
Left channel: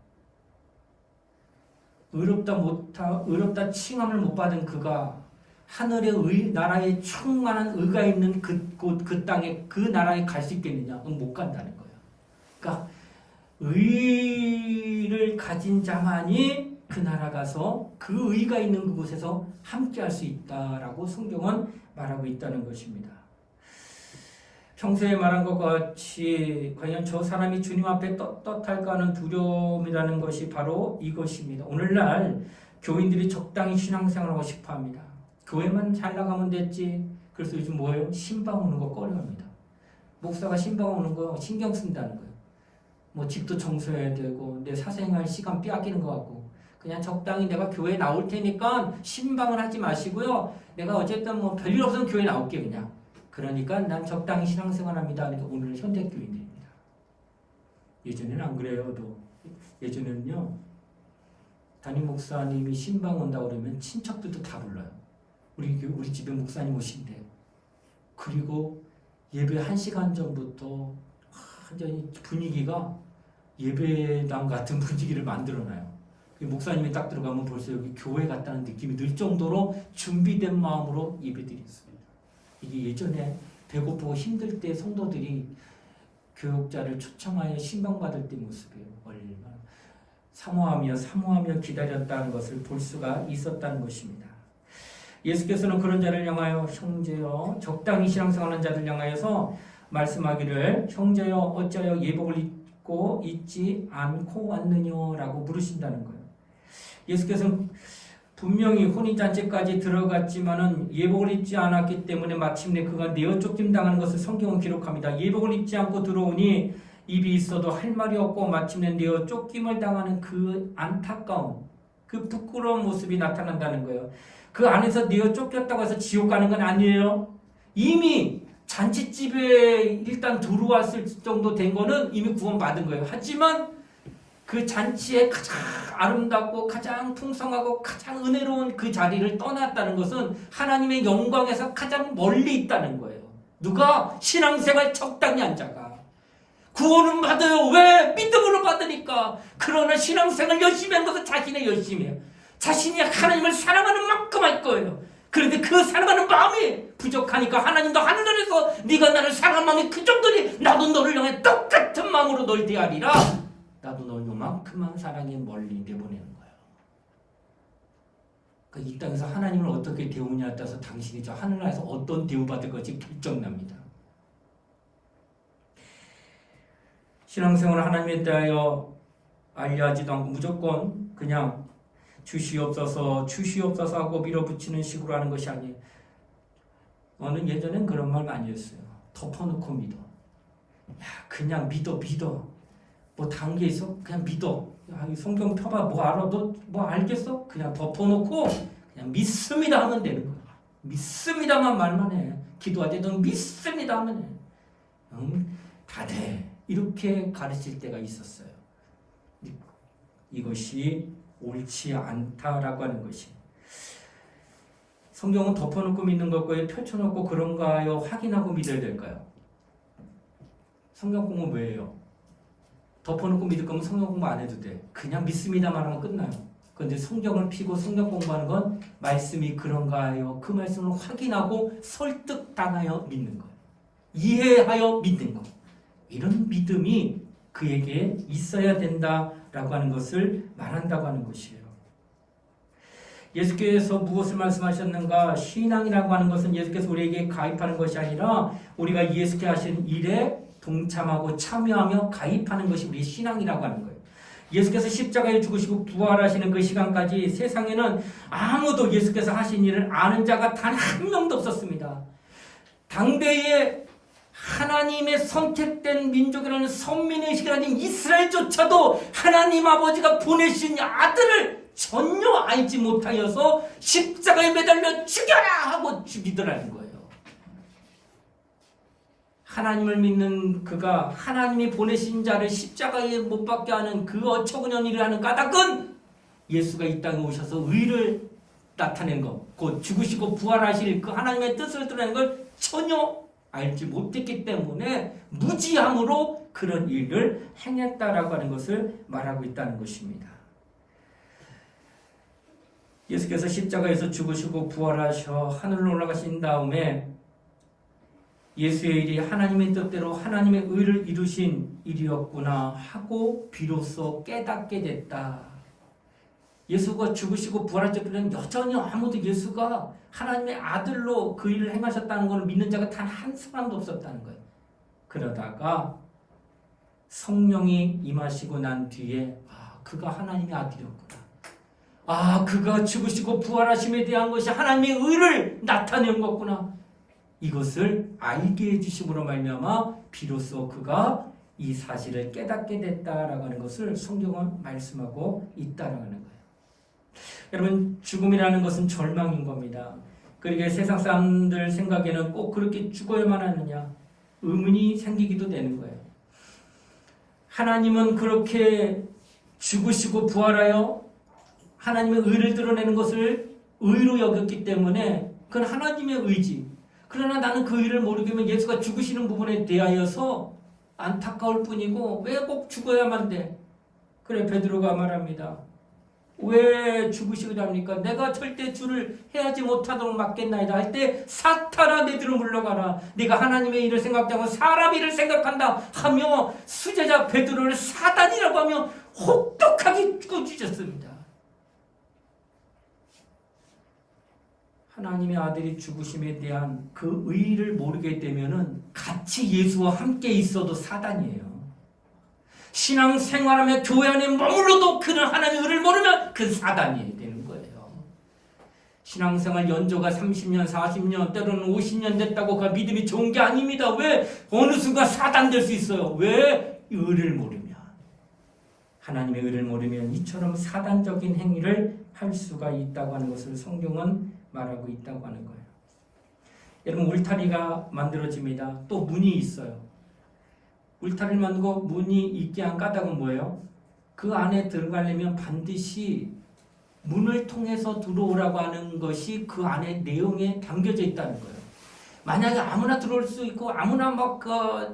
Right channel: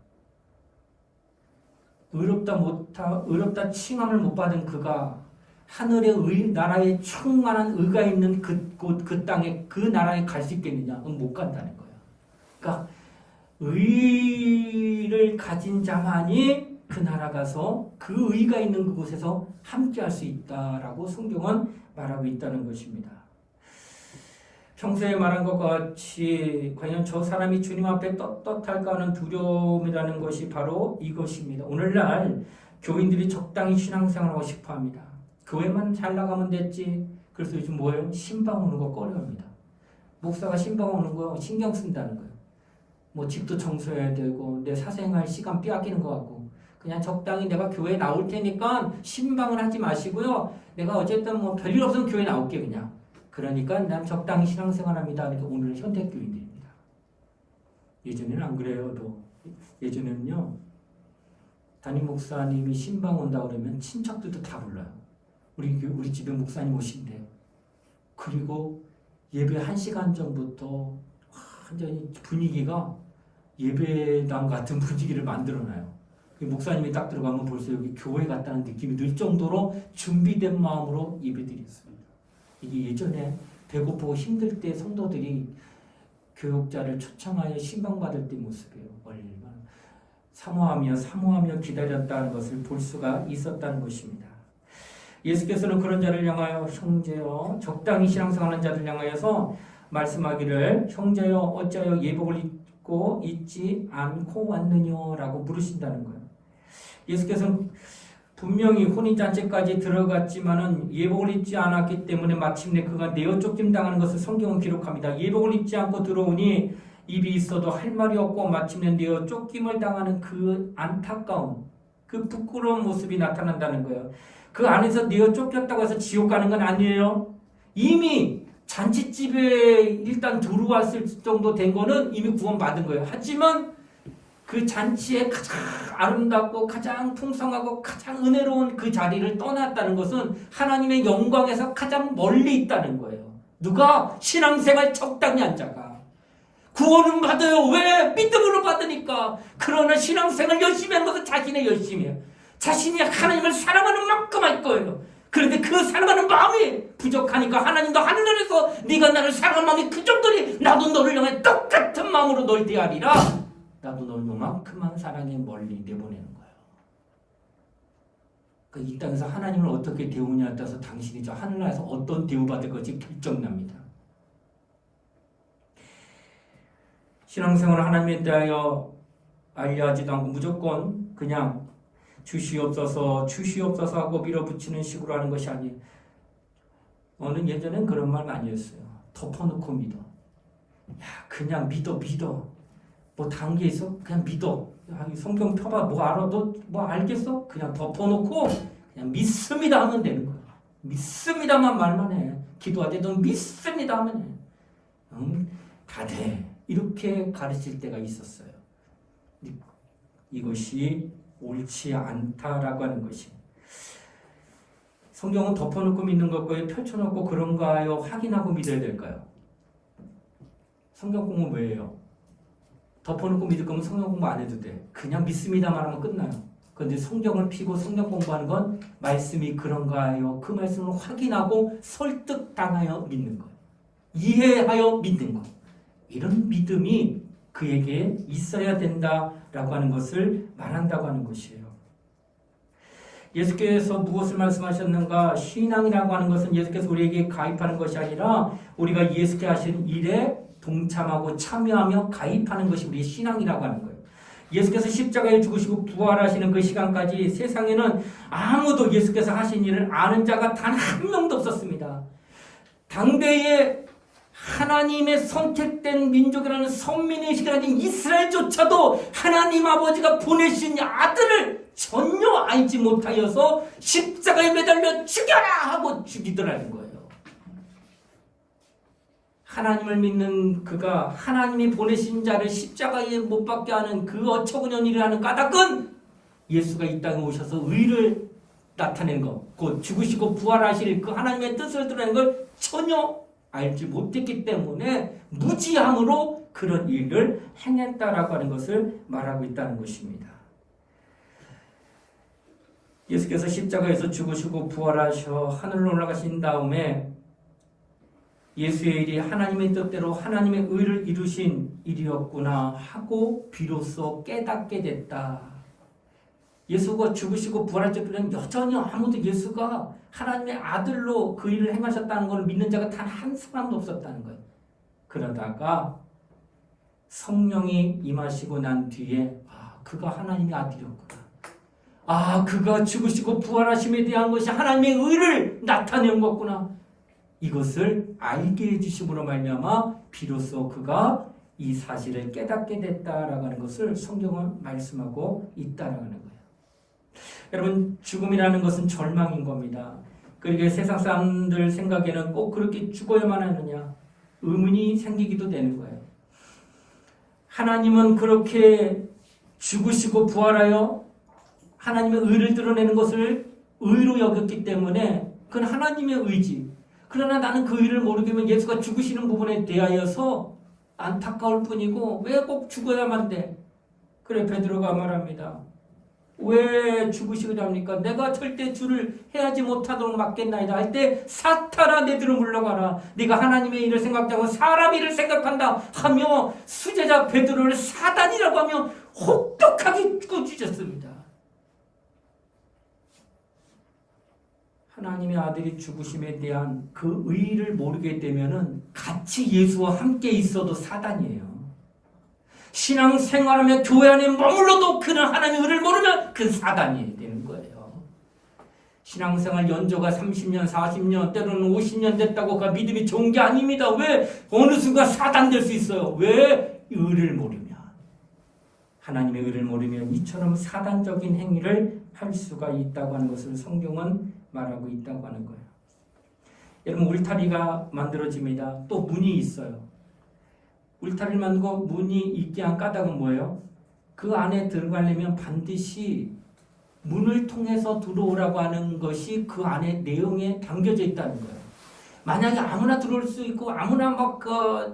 의롭다 칭함을 못 받은 그가 하늘의 나라에 충만한 의가 있는 그 땅에 그 나라에 갈 수 있겠느냐? 그건 못 간다는 거예요. 그러니까 의를 가진 자만이 그 나라 가서 그 의가 있는 그곳에서 함께 할 수 있다라고 성경은 말하고 있다는 것입니다. 평소에 말한 것과 같이 과연 저 사람이 주님 앞에 떳떳할까 하는 두려움이라는 것이 바로 이것입니다. 오늘날 교인들이 적당히 신앙생활하고 싶어합니다. 교회만 잘 나가면 됐지. 그래서 요즘 뭐예요? 신방 오는 거 꺼려합니다. 목사가 신방 오는 거 신경 쓴다는 거예요. 뭐 집도 청소해야 되고 내 사생활 시간 빼앗기는 것 같고 그냥 적당히 내가 교회에 나올 테니까 신방을 하지 마시고요. 내가 어쨌든 뭐 별일 없으면 교회 나올게 그냥. 그러니까 난 적당히 신앙생활합니다. 그러니까 오늘 현대교인들입니다. 예전에는 안 그래요. 예전에는요. 담임 목사님이 신방 온다 그러면 친척들도 다 불러요. 우리 집에 목사님 오신대. 그리고 예배 1시간 전부터 완전히 분위기가 예배당 같은 분위기를 만들어놔요. 목사님이 딱 들어가면 벌써 여기 교회 같다는 느낌이 들 정도로 준비된 마음으로 예배드렸습니다. 이게 예전에 배고프고 힘들 때 성도들이 교육자를 초청하여 신방받을 때 모습이에요. 얼마나 사모하며 기다렸다는 것을 볼 수가 있었다는 것입니다. 예수께서는 그런 자를 향하여 형제여 적당히 신앙생활하는 자를 향하여서 말씀하기를 형제여 어찌하여 예복을 입고 있지 않고 왔느냐라고 물으신다는 거예요. 예수께서는 분명히 혼인잔치까지 들어갔지만은 예복을 입지 않았기 때문에 마침내 그가 내어 쫓김 당하는 것을 성경은 기록합니다. 예복을 입지 않고 들어오니 입이 있어도 할 말이 없고 마침내 내어 쫓김을 당하는 그 안타까움, 그 부끄러운 모습이 나타난다는 거예요. 그 안에서 내어 쫓겼다고 해서 지옥 가는 건 아니에요. 이미 잔치집에 일단 들어왔을 정도 된 거는 이미 구원받은 거예요. 하지만 그 잔치에 가장 아름답고 가장 풍성하고 가장 은혜로운 그 자리를 떠났다는 것은 하나님의 영광에서 가장 멀리 있다는 거예요. 누가? 신앙생활 적당히 한 자가. 구원은 받아요. 왜? 믿음으로 받으니까. 그러나 신앙생활 열심히 하는 것은 자신의 열심이에요. 자신이 하나님을 사랑하는 만큼 할 거예요. 그런데 그 사랑하는 마음이 부족하니까 하나님도 하늘에서 네가 나를 사랑하는 마음이 그 정도니 나도 너를 향해 똑같은 마음으로 널 대하리라. 나도 널 요만큼만 사랑해 멀리 내보내는 거예요. 그러니까 이 땅에서 하나님을 어떻게 대우냐에 따라서 당신이 저 하늘나라에서 어떤 대우받을 것이 결정납니다. 신앙생활을 하나님에 대하여 알려하지도 않고 무조건 그냥 주시옵소서 하고 밀어붙이는 식으로 하는 것이 아니에요. 예전엔 그런 말 많이 했어요. 덮어놓고 믿어. 야, 그냥 믿어. 뭐 단계 있어? 그냥 믿어. 성경 펴봐. 뭐 알아? 너 뭐 알겠어? 그냥 덮어놓고 그냥 믿습니다 하면 되는 거야. 믿습니다만 말만 해. 기도할 때도 믿습니다 하면 해. 다 돼. 이렇게 가르칠 때가 있었어요. 이것이 옳지 않다라고 하는 것이. 성경은 덮어놓고 믿는 것과요, 펼쳐놓고 그런가요? 확인하고 믿어야 될까요? 성경 공부 왜 해요? 덮어놓고 믿을 거면 성경 공부 안 해도 돼. 그냥 믿습니다만 하면 끝나요. 그런데 성경을 피고 성경 공부하는 건 말씀이 그런가요? 그 말씀을 확인하고 설득당하여 믿는 거예요. 이해하여 믿는 거. 이런 믿음이 그에게 있어야 된다라고 하는 것을 말한다고 하는 것이에요. 예수께서 무엇을 말씀하셨는가? 신앙이라고 하는 것은 예수께서 우리에게 가입하는 것이 아니라 우리가 예수께 하신 일에 동참하고 참여하며 가입하는 것이 우리의 신앙이라고 하는 거예요. 예수께서 십자가에 죽으시고 부활하시는 그 시간까지 세상에는 아무도 예수께서 하신 일을 아는 자가 단 한 명도 없었습니다. 당대에 하나님의 선택된 민족이라는 선민의 시간인 이스라엘조차도 하나님 아버지가 보내신 아들을 전혀 알지 못하여서 십자가에 매달려 죽여라 하고 죽이더라는 거예요. 하나님을 믿는 그가 하나님이 보내신 자를 십자가에 못 박게 하는 그 어처구니없는 일을 하는 까닭은 예수가 이 땅에 오셔서 의를 나타낸 것, 곧 죽으시고 부활하실 그 하나님의 뜻을 드러내는 걸 전혀 알지 못했기 때문에 무지함으로 그런 일을 행했다라고 하는 것을 말하고 있다는 것입니다. 예수께서 십자가에서 죽으시고 부활하셔 하늘로 올라가신 다음에 예수의 일이 하나님의 뜻대로 하나님의 의를 이루신 일이었구나 하고 비로소 깨닫게 됐다. 예수가 죽으시고 부활할 때는 여전히 아무도 예수가 하나님의 아들로 그 일을 행하셨다는 것을 믿는 자가 단 한 사람도 없었다는 거예요. 그러다가 성령이 임하시고 난 뒤에 그가 하나님의 아들이었구나. 그가 죽으시고 부활하심에 대한 것이 하나님의 의를 나타낸 거구나. 이것을 알게 해주심으로 말미암아 비로소 그가 이 사실을 깨닫게 됐다라고 하는 것을 성경은 말씀하고 있다라고 하는 거예요. 여러분, 죽음이라는 것은 절망인 겁니다. 그러니까 세상 사람들 생각에는 꼭 그렇게 죽어야만 하느냐 의문이 생기기도 되는 거예요. 하나님은 그렇게 죽으시고 부활하여 하나님의 의를 드러내는 것을 의로 여겼기 때문에 그건 하나님의 의지. 그러나 나는 그 의를 모르게 하면 예수가 죽으시는 부분에 대하여서 안타까울 뿐이고 왜 꼭 죽어야만 돼? 그래 베드로가 말합니다. 왜 죽으시렵니까? 내가 절대 주를 해하지 못하도록 막겠나이다 할 때 사탄아 내 뒤로 물러가라. 네가 하나님의 일을 생각하지 않고 사람 일을 생각한다 하며 수제자 베드로를 사단이라고 하며 혹독하게 꾸짖었습니다. 하나님의 아들이 죽으심에 대한 그 의의를 모르게 되면은 같이 예수와 함께 있어도 사단이에요. 신앙생활하며 교회 안에 머물러도 그는 하나님의 의를 모르면 그 사단이 되는 거예요. 신앙생활 연조가 30년, 40년, 때로는 50년 됐다고 그 믿음이 좋은 게 아닙니다. 왜? 어느 순간 사단 될 수 있어요. 왜? 의를 모르면. 하나님의 의를 모르면 이처럼 사단적인 행위를 할 수가 있다고 하는 것을 성경은 말하고 있다고 하는 거예요. 여러분, 울타리가 만들어집니다. 또 문이 있어요. 울타리를 만들고 문이 있게 한 까닭은 뭐예요? 그 안에 들어가려면 반드시 문을 통해서 들어오라고 하는 것이 그 안에 내용에 담겨져 있다는 거예요. 만약에 아무나 들어올 수 있고 아무나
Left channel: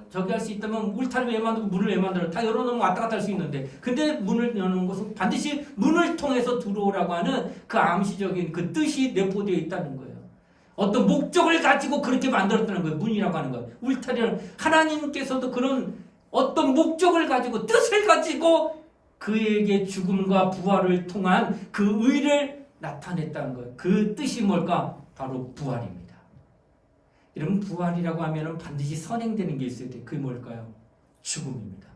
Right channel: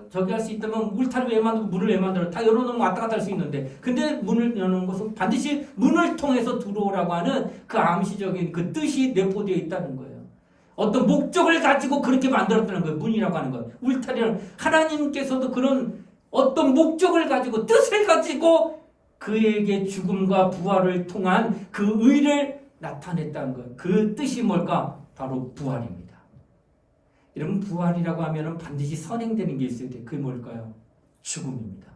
저기 할 수 있다면 울타리 왜 만들고 문을 왜 만들어? 다 열어놓으면 왔다 갔다 할 수 있는데 근데 문을 여는 것은 반드시 문을 통해서 들어오라고 하는 그 암시적인 그 뜻이 내포되어 있다는 거예요. 어떤 목적을 가지고 그렇게 만들었다는 거예요. 문이라고 하는 거예요. 울타리는 하나님께서도 그런 어떤 목적을 가지고 뜻을 가지고 그에게 죽음과 부활을 통한 그 의를 나타냈다는 거예요. 그 뜻이 뭘까? 바로 부활입니다. 여러분, 부활이라고 하면 반드시 선행되는 게 있어야 돼요. 그게 뭘까요? 죽음입니다.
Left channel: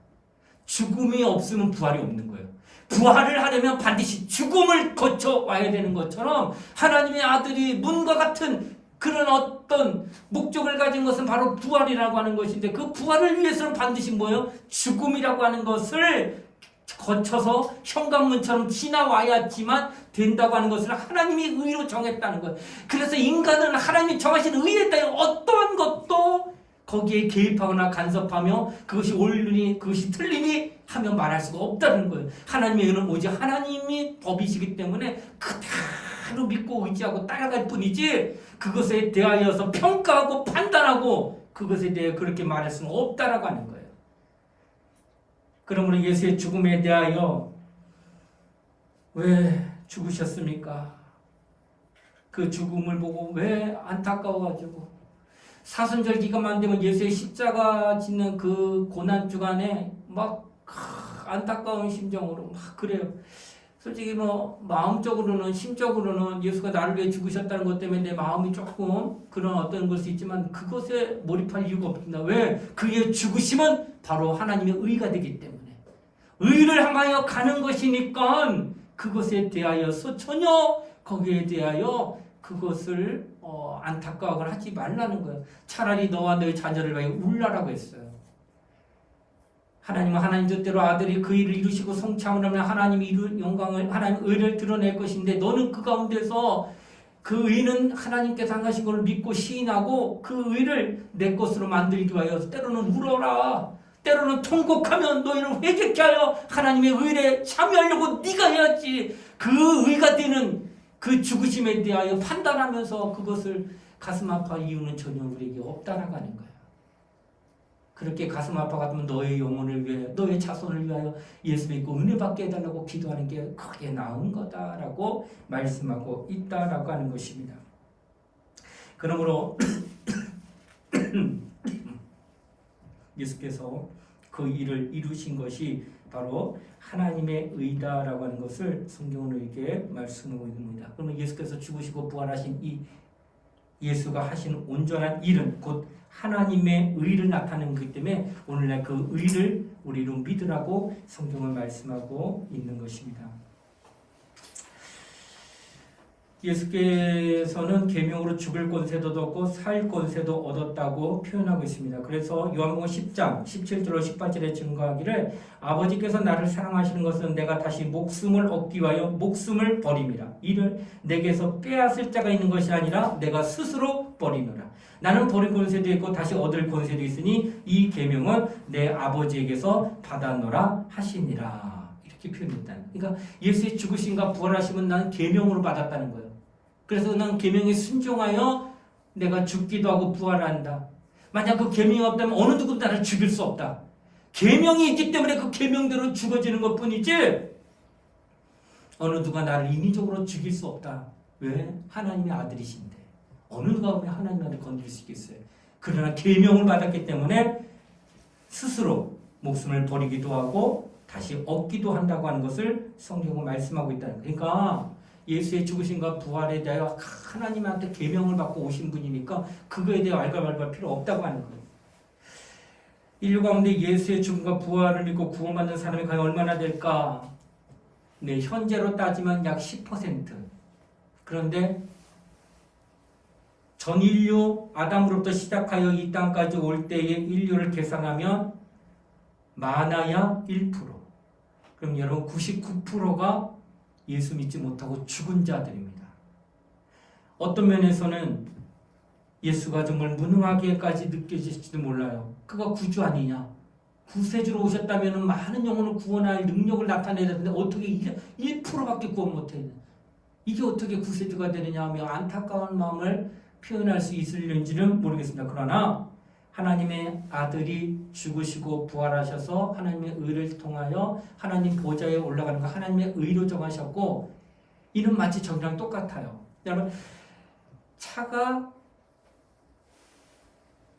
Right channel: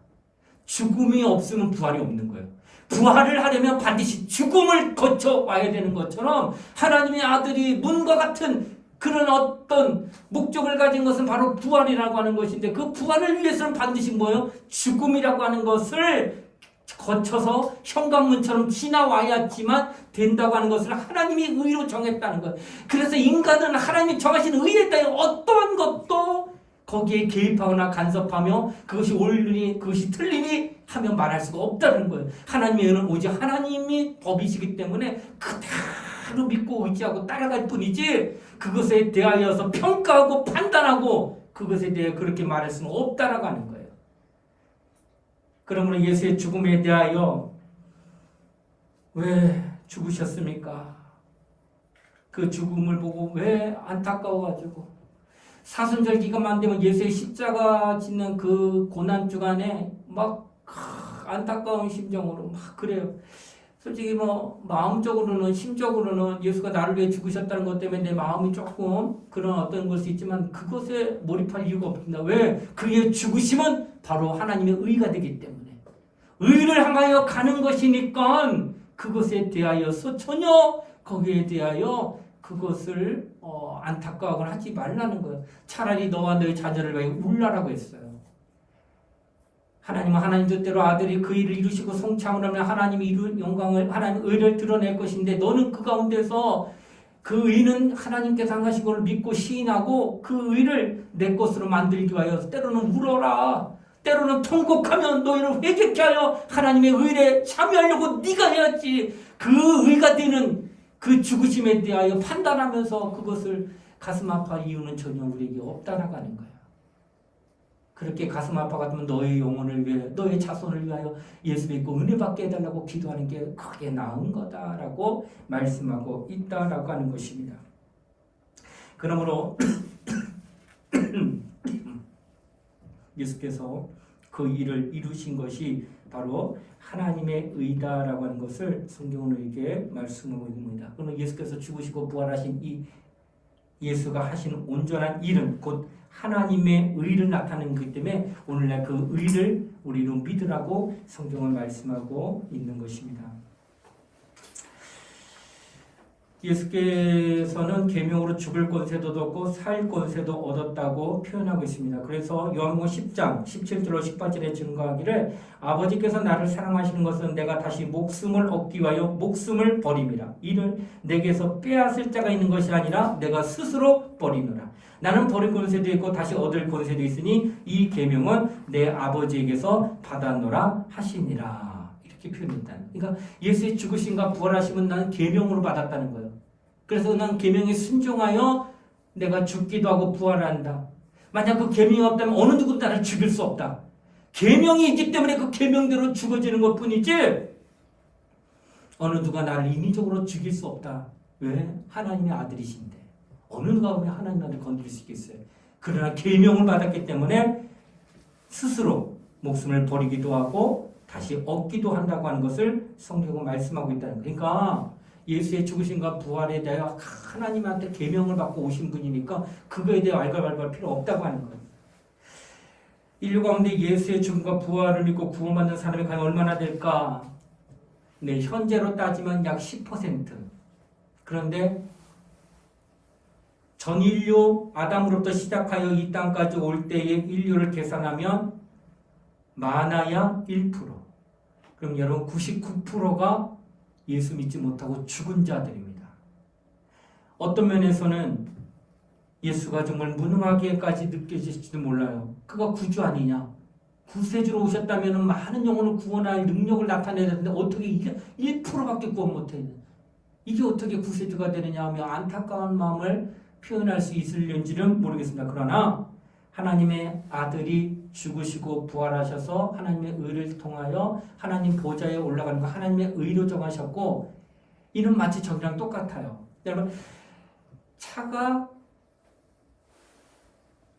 죽음이 없으면 부활이 없는 거예요. 부활을 하려면 반드시 죽음을 거쳐 와야 되는 것처럼 하나님의 아들이 문과 같은 그런 어떤 목적을 가진 것은 바로 부활이라고 하는 것인데 그 부활을 위해서는 반드시 뭐예요? 죽음이라고 하는 것을 거쳐서 현관문처럼 지나와야지만 된다고 하는 것을 하나님이 의로 정했다는 거예요. 그래서 인간은 하나님이 정하신 의에 대해 어떠한 것도 거기에 개입하거나 간섭하며 그것이 옳으니 그것이 틀리니 하며 말할 수가 없다는 거예요. 하나님의 의는 오직 하나님이 법이시기 때문에 그대로 믿고 의지하고 따라갈 뿐이지 그것에 대하여서 평가하고 판단하고 그것에 대해 그렇게 말할 수는 없다라고 하는 거예요. 그러므로 예수의 죽음에 대하여 왜 죽으셨습니까? 그 죽음을 보고 왜 안타까워가지고 사순절 기간만 되면 예수의 십자가 짓는 그 고난 주간에 막 안타까운 심정으로 막 그래요. 솔직히 마음적으로는 심적으로는 예수가 나를 위해 죽으셨다는 것 때문에 내 마음이 조금 그런 어떤 것이 있지만 그것에 몰입할 이유가 없습니다. 왜? 그의 죽으심은 바로 하나님의 의가 되기 때문에 의를 향하여 가는 것이니까 그것에 대하여서 전혀 거기에 대하여 그것을 안타까워하거나 하지 말라는 거예요. 차라리 너와 너의 자녀를 위해 울라라고 했어요. 하나님은 하나님 뜻대로 아들이 그 일을 이루시고 성창을 하면 하나님이 이룬 영광을 하나님 의를 드러낼 것인데 너는 그 가운데서 그 의는 하나님께서 하신 것을 믿고 시인하고 그 의를 내 것으로 만들기 위하여 때로는 울어라, 때로는 통곡하면 너희를 회개케 하여 하나님의 의에 참여하려고 네가 해야지. 그 의가 되는 그 죽으심에 대하여 판단하면서 그것을 가슴 아파할 이유는 전혀 우리에게 없다라는 거예요. 그렇게 가슴 아파가면 너의 영혼을 위해, 너의 자손을 위하여 예수 믿고 은혜 받게 해달라고 기도하는 게 그게 나은 거다라고 말씀하고 있다라고 하는 것입니다. 그러므로 예수께서 그 일을 이루신 것이 바로 하나님의 의다라고 하는 것을 성경은 우리에게 말씀하고 있습니다. 그러면 예수께서 죽으시고 부활하신 이 예수가 하신 온전한 일은 곧 하나님의 의를 나타내는 것이기 때문에 오늘날 그 의를 우리로 믿으라고 성경은 말씀하고 있는 것입니다. 예수께서는 계명으로 죽을 권세도 얻었고 살 권세도 얻었다고 표현하고 있습니다. 그래서 요한복음 10장 17절로 18절에 증거하기를 아버지께서 나를 사랑하시는 것은 내가 다시 목숨을 얻기 위하여 목숨을 버림이라. 이를 내게서 빼앗을 자가 있는 것이 아니라 내가 스스로 버리노라. 나는 버릴 권세도 있고 다시 얻을 권세도 있으니 이 계명은 내 아버지에게서 받았노라 하시니라. 이렇게 표현했다. 그러니까 예수의 죽으심과 부활하심은 나는 계명으로 받았다는 거예요. 그래서 난 계명에 순종하여 내가 죽기도 하고 부활한다. 만약 그 계명이 없다면 어느 누구도 나를 죽일 수 없다. 계명이 있기 때문에 그 계명대로 죽어지는 것뿐이지 어느 누가 나를 인위적으로 죽일 수 없다. 왜? 하나님의 아들이신데 어느 누가 보면 하나님 아들 건드릴 수 있겠어요. 그러나 계명을 받았기 때문에 스스로 목숨을 버리기도 하고 다시 얻기도 한다고 하는 것을 성경은 말씀하고 있다는 거예요. 그러니까 예수의 죽으심과 부활에 대하여 하나님한테 계명을 받고 오신 분이니까 그거에 대해 알갈발갈 필요 없다고 하는 거예요. 인류 가운데 예수의 죽음과 부활을 믿고 구원받는 사람이 과연 얼마나 될까? 네, 현재로 따지면 약 10%. 그런데 전 인류 아담으로부터 시작하여 이 땅까지 올 때의 인류를 계산하면 많아야 1%. 그럼 여러분 99%가 예수 믿지 못하고 죽은 자들입니다. 어떤 면에서는 예수가 정말 무능하게까지 느껴질지도 몰라요. 그가 구주 아니냐? 구세주로 오셨다면 많은 영혼을 구원할 능력을 나타내야 되는데 어떻게 1%밖에 구원 못해요? 이게 어떻게 구세주가 되느냐 하며 안타까운 마음을 표현할 수 있을는지는 모르겠습니다. 그러나 하나님의 아들이 죽으시고 부활하셔서 하나님의 의를 통하여 하나님 보좌에 올라가는 거 하나님의 의로 정하셨고 이는 마치 저기랑 똑같아요. 여러분 차가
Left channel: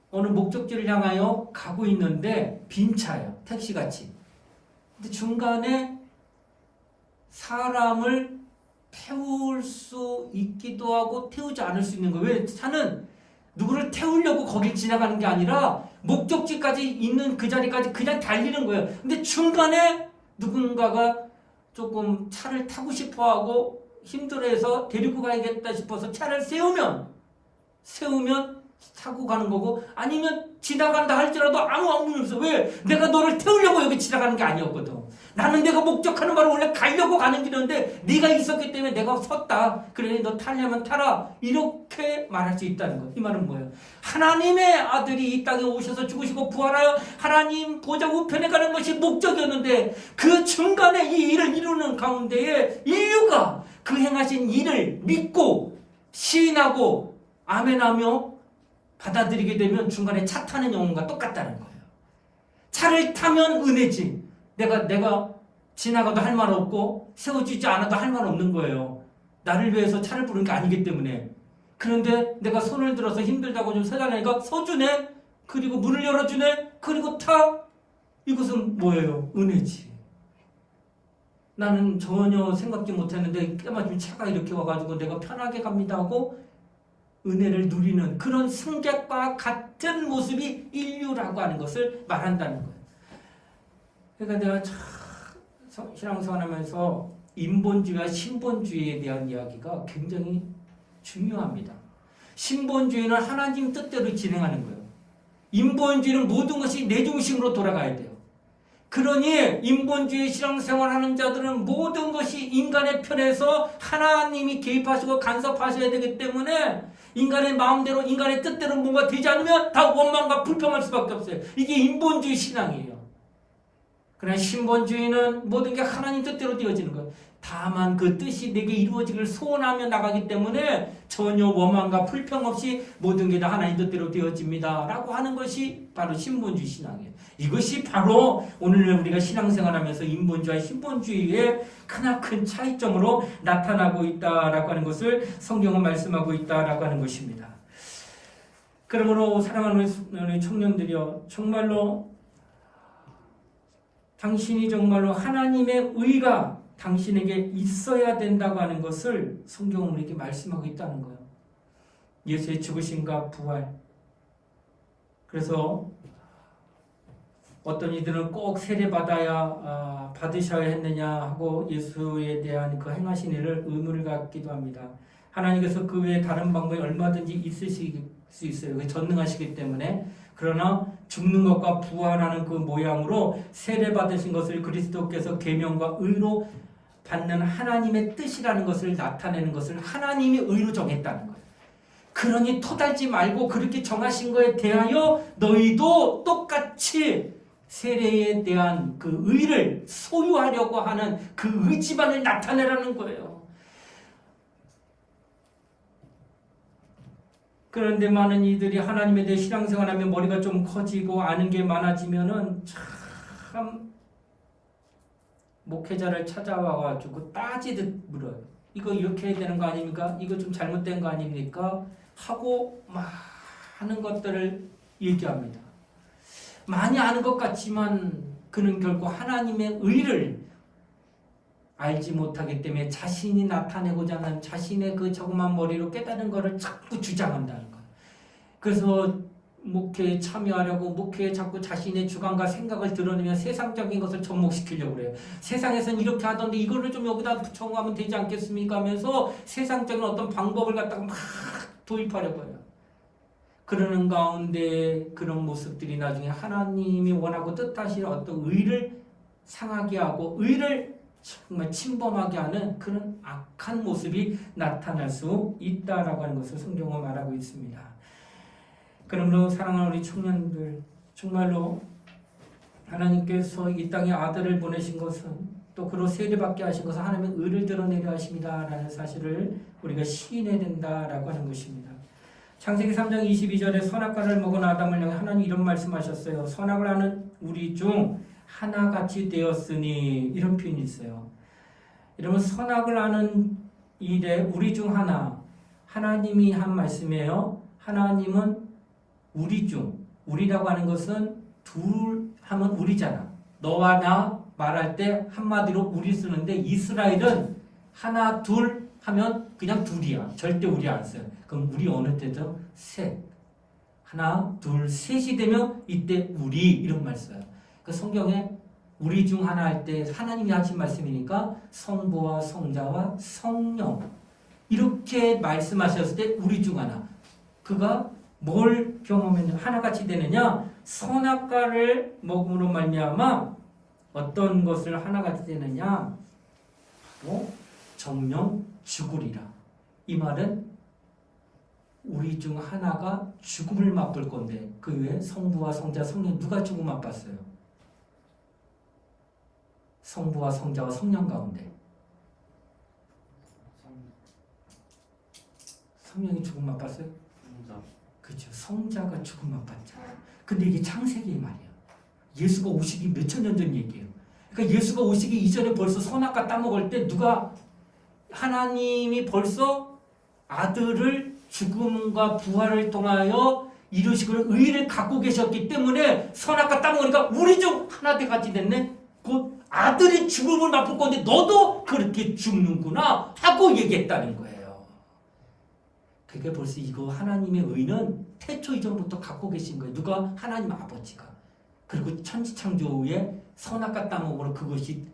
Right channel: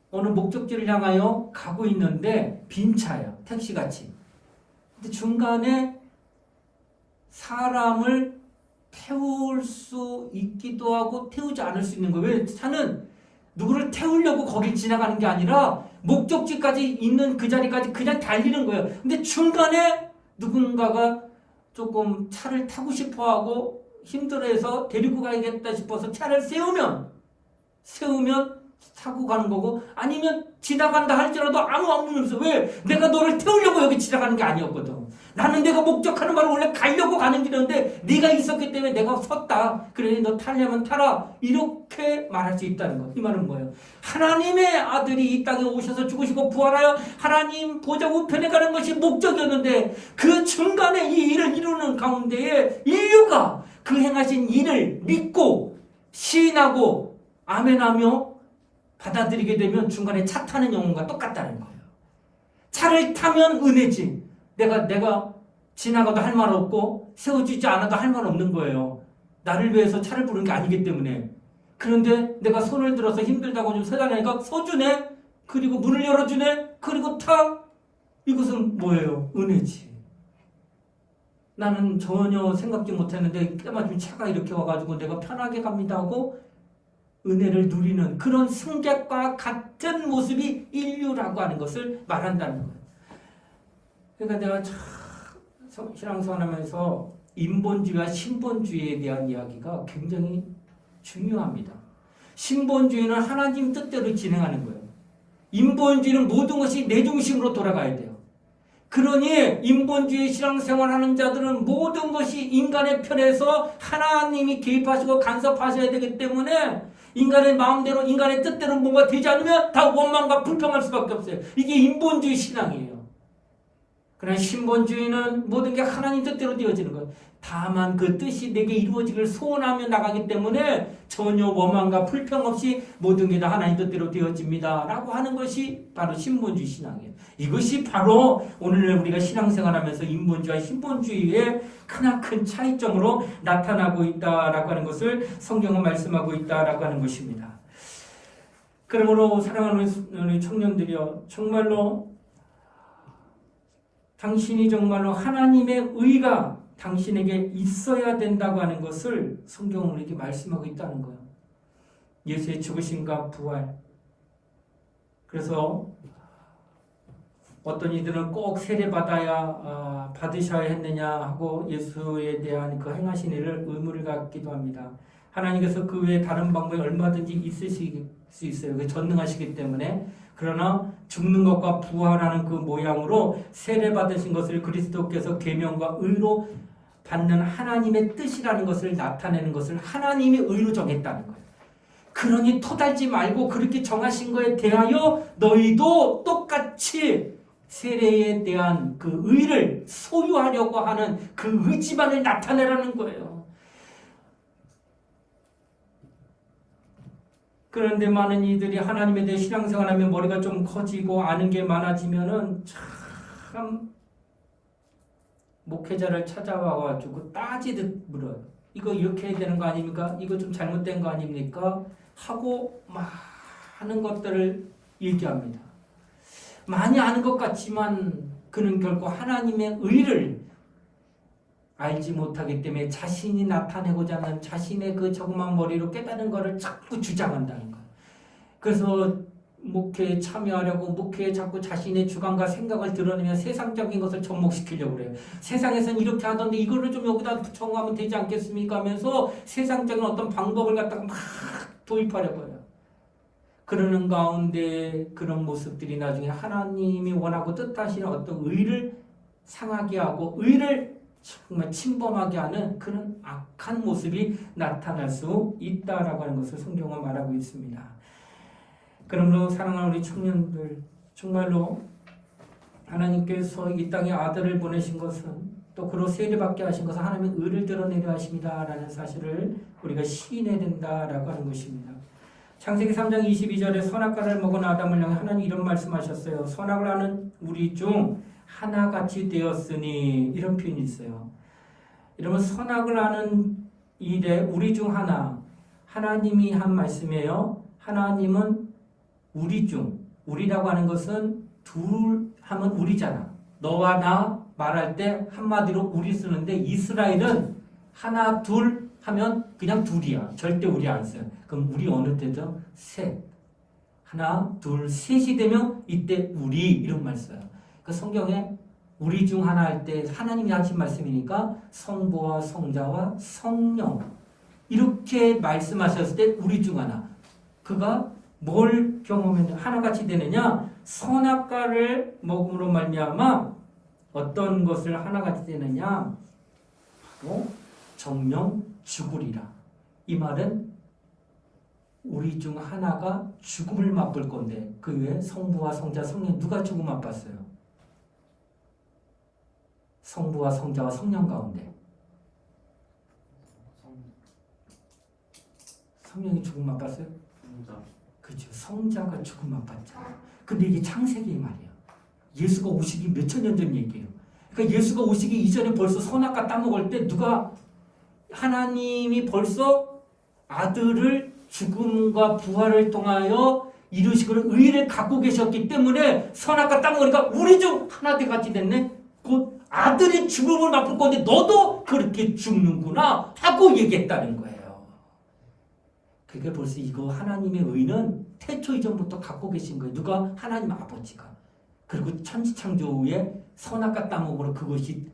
어느 목적지를 향하여 가고 있는데 빈 차예요. 택시같이. 근데 중간에 사람을 태울 수 있기도 하고 태우지 않을 수 있는 거예요. 왜? 차는 누구를 태우려고 거길 지나가는 게 아니라 목적지까지 있는 그 자리까지 그냥 달리는 거예요. 근데 중간에 누군가가 조금 차를 타고 싶어하고 힘들어해서 데리고 가야겠다 싶어서 차를 세우면 타고 가는 거고 아니면 지나간다 할지라도 아무 의미 없어. 왜? 내가 너를 태우려고 여기 지나가는 게 아니었거든. 나는 내가 목적하는 바로 원래 가려고 가는 길이었는데 네가 있었기 때문에 내가 섰다. 그래 너 타려면 타라. 이렇게 말할 수 있다는 거예요. 이 말은 뭐예요? 하나님의 아들이 이 땅에 오셔서 죽으시고 부활하여 하나님 보좌 우편에 가는 것이 목적이었는데 그 중간에 이 일을 이루는 가운데에 인류가 그 행하신 일을 믿고 시인하고 아멘하며 받아들이게 되면 중간에 차 타는 영혼과 똑같다는 거예요. 차를 타면 은혜지. 내가 지나가도 할 말 없고 세워지지 않아도 할 말 없는 거예요. 나를 위해서 차를 부르는 게 아니기 때문에. 그런데 내가 손을 들어서 힘들다고 좀 서달라니까 서주네. 그리고 문을 열어주네. 그리고 타. 이것은 뭐예요? 은혜지. 나는 전혀 생각지 못했는데 때마침 차가 이렇게 와가지고 내가 편하게 갑니다 하고 은혜를 누리는 그런 승객과 같은 모습이 인류라고 하는 것을 말한다는 거예요. 그러니까 내가 참 신앙생활하면서 인본주의와 신본주의에 대한 이야기가 굉장히 중요합니다. 신본주의는 하나님 뜻대로 진행하는 거예요. 인본주의는 모든 것이 내 중심으로 돌아가야 돼요. 그러니 인본주의 신앙생활하는 자들은 모든 것이 인간의 편에서 하나님이 개입하시고 간섭하셔야 되기 때문에 인간의 마음대로 인간의 뜻대로 뭔가 되지 않으면 다 원망과 불평할 수밖에 없어요. 이게 인본주의 신앙이에요. 그러나 신본주의는 모든 게 하나님 뜻대로 되어지는 거예요. 다만 그 뜻이 내게 이루어지기를 소원하며 나가기 때문에 전혀 원망과 불평 없이 모든 게 다 하나님 뜻대로 되어집니다 라고 하는 것이 바로 신본주의 신앙이에요. 이것이 바로 오늘 우리가 신앙생활하면서 인본주의와 신본주의의 크나큰 차이점으로 나타나고 있다라고 하는 것을 성경은 말씀하고 있다라고 하는 것입니다. 그러므로 사랑하는 우리 청년들이여, 정말로 당신이 정말로 하나님의 의가 당신에게 있어야 된다고 하는 것을 성경은 우리에게 말씀하고 있다는 거예요. 예수의 죽으심과 부활. 그래서 어떤 이들은 꼭 세례받아야 받으셔야 했느냐 하고 예수에 대한 그 행하신 일을 의문을 갖기도 합니다. 하나님께서 그 외에 다른 방법이 얼마든지 있으실 수 있어요. 전능하시기 때문에. 그러나 죽는 것과 부활하는 그 모양으로 세례받으신 것을 그리스도께서 계명과 의로 받는 하나님의 뜻이라는 것을 나타내는 것을 하나님이 의로 정했다는 거예요. 그러니 토달지 말고 그렇게 정하신 거에 대하여 너희도 똑같이 세례에 대한 그 의를 소유하려고 하는 그 의지만을 나타내라는 거예요. 그런데 많은 이들이 하나님에 대해 신앙생활하면 머리가 좀 커지고 아는 게 많아지면은 참 목회자를 찾아와가지고 따지듯 물어요. 이거 이렇게 해야 되는 거 아닙니까? 이거 좀 잘못된 거 아닙니까? 하고 많은 것들을 얘기합니다. 많이 아는 것 같지만 그는 결코 하나님의 의를 알지 못하기 때문에 자신이 나타내고자 하는 자신의 그 조그만 머리로 깨달은 것을 자꾸 주장한다는 거예요. 그래서 목회에 참여하려고 목회에 자꾸 자신의 주관과 생각을 드러내며 세상적인 것을 접목시키려고 그래요. 세상에서는 이렇게 하던데 이거를 좀 여기다 붙여가면 되지 않겠습니까? 하면서 세상적인 어떤 방법을 갖다가 막 도입하려고 해요. 그러는 가운데 그런 모습들이 나중에 하나님이 원하고 뜻하시는 어떤 의를 상하게 하고 의를 정말 침범하게 하는 그런 악한 모습이 나타날 수 있다라고 하는 것을 성경은 말하고 있습니다. 그러므로 사랑하는 우리 청년들, 정말로 하나님께서 이 땅에 아들을 보내신 것은 또 그로 세례받게 하신 것은 하나님의 의를 드러내려 하십니다라는 사실을 우리가 시인해야 된다라고 하는 것입니다. 창세기 3장 22절에 선악과를 먹은 아담을 향해 하나님 이런 말씀하셨어요. 선악을 하는 우리 중 하나같이 되었으니, 이런 표현이 있어요. 여러분, 선악을 하는 일에 우리 중 하나, 하나님이 한 말씀이에요. 하나님은 우리 중, 우리라고 하는 것은 둘 하면 우리잖아. 너와 나 말할 때 한마디로 우리 쓰는데 이스라엘은 하나 둘 하면 그냥 둘이야. 절대 우리 안 써요. 그럼 우리 어느 때죠? 셋. 하나 둘 셋이 되면 이때 우리 이런 말 써요. 그 성경에 우리 중 하나 할 때 하나님이 하신 말씀이니까 성부와 성자와 성령 이렇게 말씀하셨을 때 우리 중 하나. 그가 뭘 경험했냐? 하나같이 되느냐? 선악과를 먹음으로 말미암아 어떤 것을 하나같이 되느냐? 바로 정령 죽으리라. 이 말은 우리 중 하나가 죽음을 맛볼 건데 그 외에 성부와 성자, 성령 누가 죽음 맛봤어요? 성부와 성자와 성령 가운데 성령이 죽음 맛봤어요? 그렇죠. 성자가 죽음 맛봤잖아요. 근데 이게 창세기 말이에요. 예수가 오시기 몇천 년 전 얘기예요. 그러니까 예수가 오시기 이전에 벌써 선악과 따먹을 때 누가 하나님이 벌써 아들을 죽음과 부활을 통하여 이루시고 의를 갖고 계셨기 때문에 선악과 따먹으니까 우리 중 하나 같이 됐네. 곧 아들이 죽음을 맛볼 건데 너도 그렇게 죽는구나 하고 얘기했다는 거예요. 그게 벌써 이거 하나님의 의는 태초 이전부터 갖고 계신 거예요. 누가? 하나님 아버지가. 그리고 천지창조 후에 선악과 따먹으로 그것이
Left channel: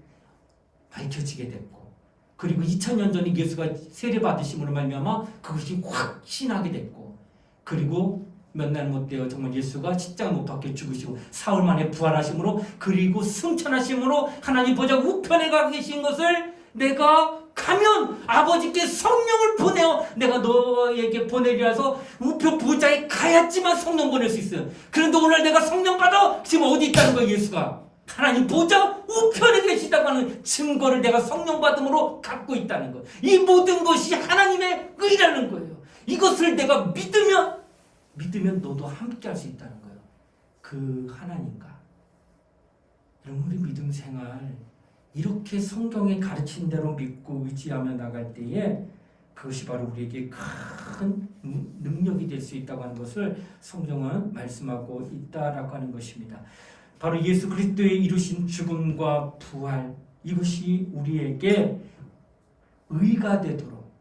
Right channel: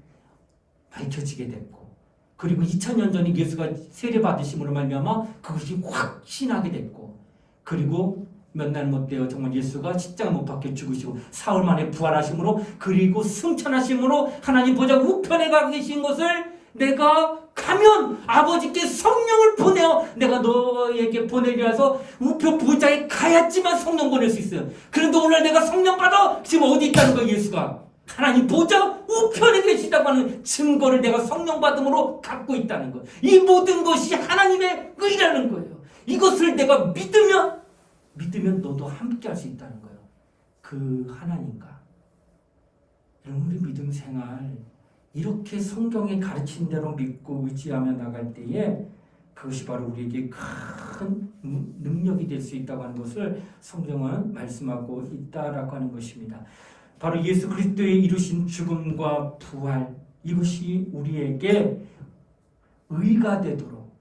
밝혀지게 됐고, 그리고 2000년 전에 예수가 세례받으심으로 말미암아 그것이 확신하게 됐고, 그리고 몇 날 못 돼요. 정말 예수가 십자가 못 박혀 죽으시고 사흘 만에 부활하심으로 그리고 승천하심으로 하나님 보좌 우편에 가 계신 것을 내가 가면 아버지께 성령을 보내어 내가 너에게 보내리라 해서 우편 보좌에 가야지만 성령 보낼 수 있어요. 그런데 오늘 내가 성령 받아 지금 어디 있다는 거예요. 예수가 하나님 보좌 우편에 계시다고 하는 증거를 내가 성령 받음으로 갖고 있다는 거예요. 이 모든 것이 하나님의 의라는 거예요. 이것을 내가 믿으면 너도 함께 할 수 있다는 거예요. 그 하나님과 여러분 우리 믿음 생활 이렇게 성경에 가르친 대로 믿고 의지하며 나갈 때에 그것이 바로 우리에게 큰 능력이 될 수 있다고 하는 것을 성경은 말씀하고 있다라고 하는 것입니다. 바로 예수 그리스도의 이루신 죽음과 부활 이것이 우리에게 의가 되도록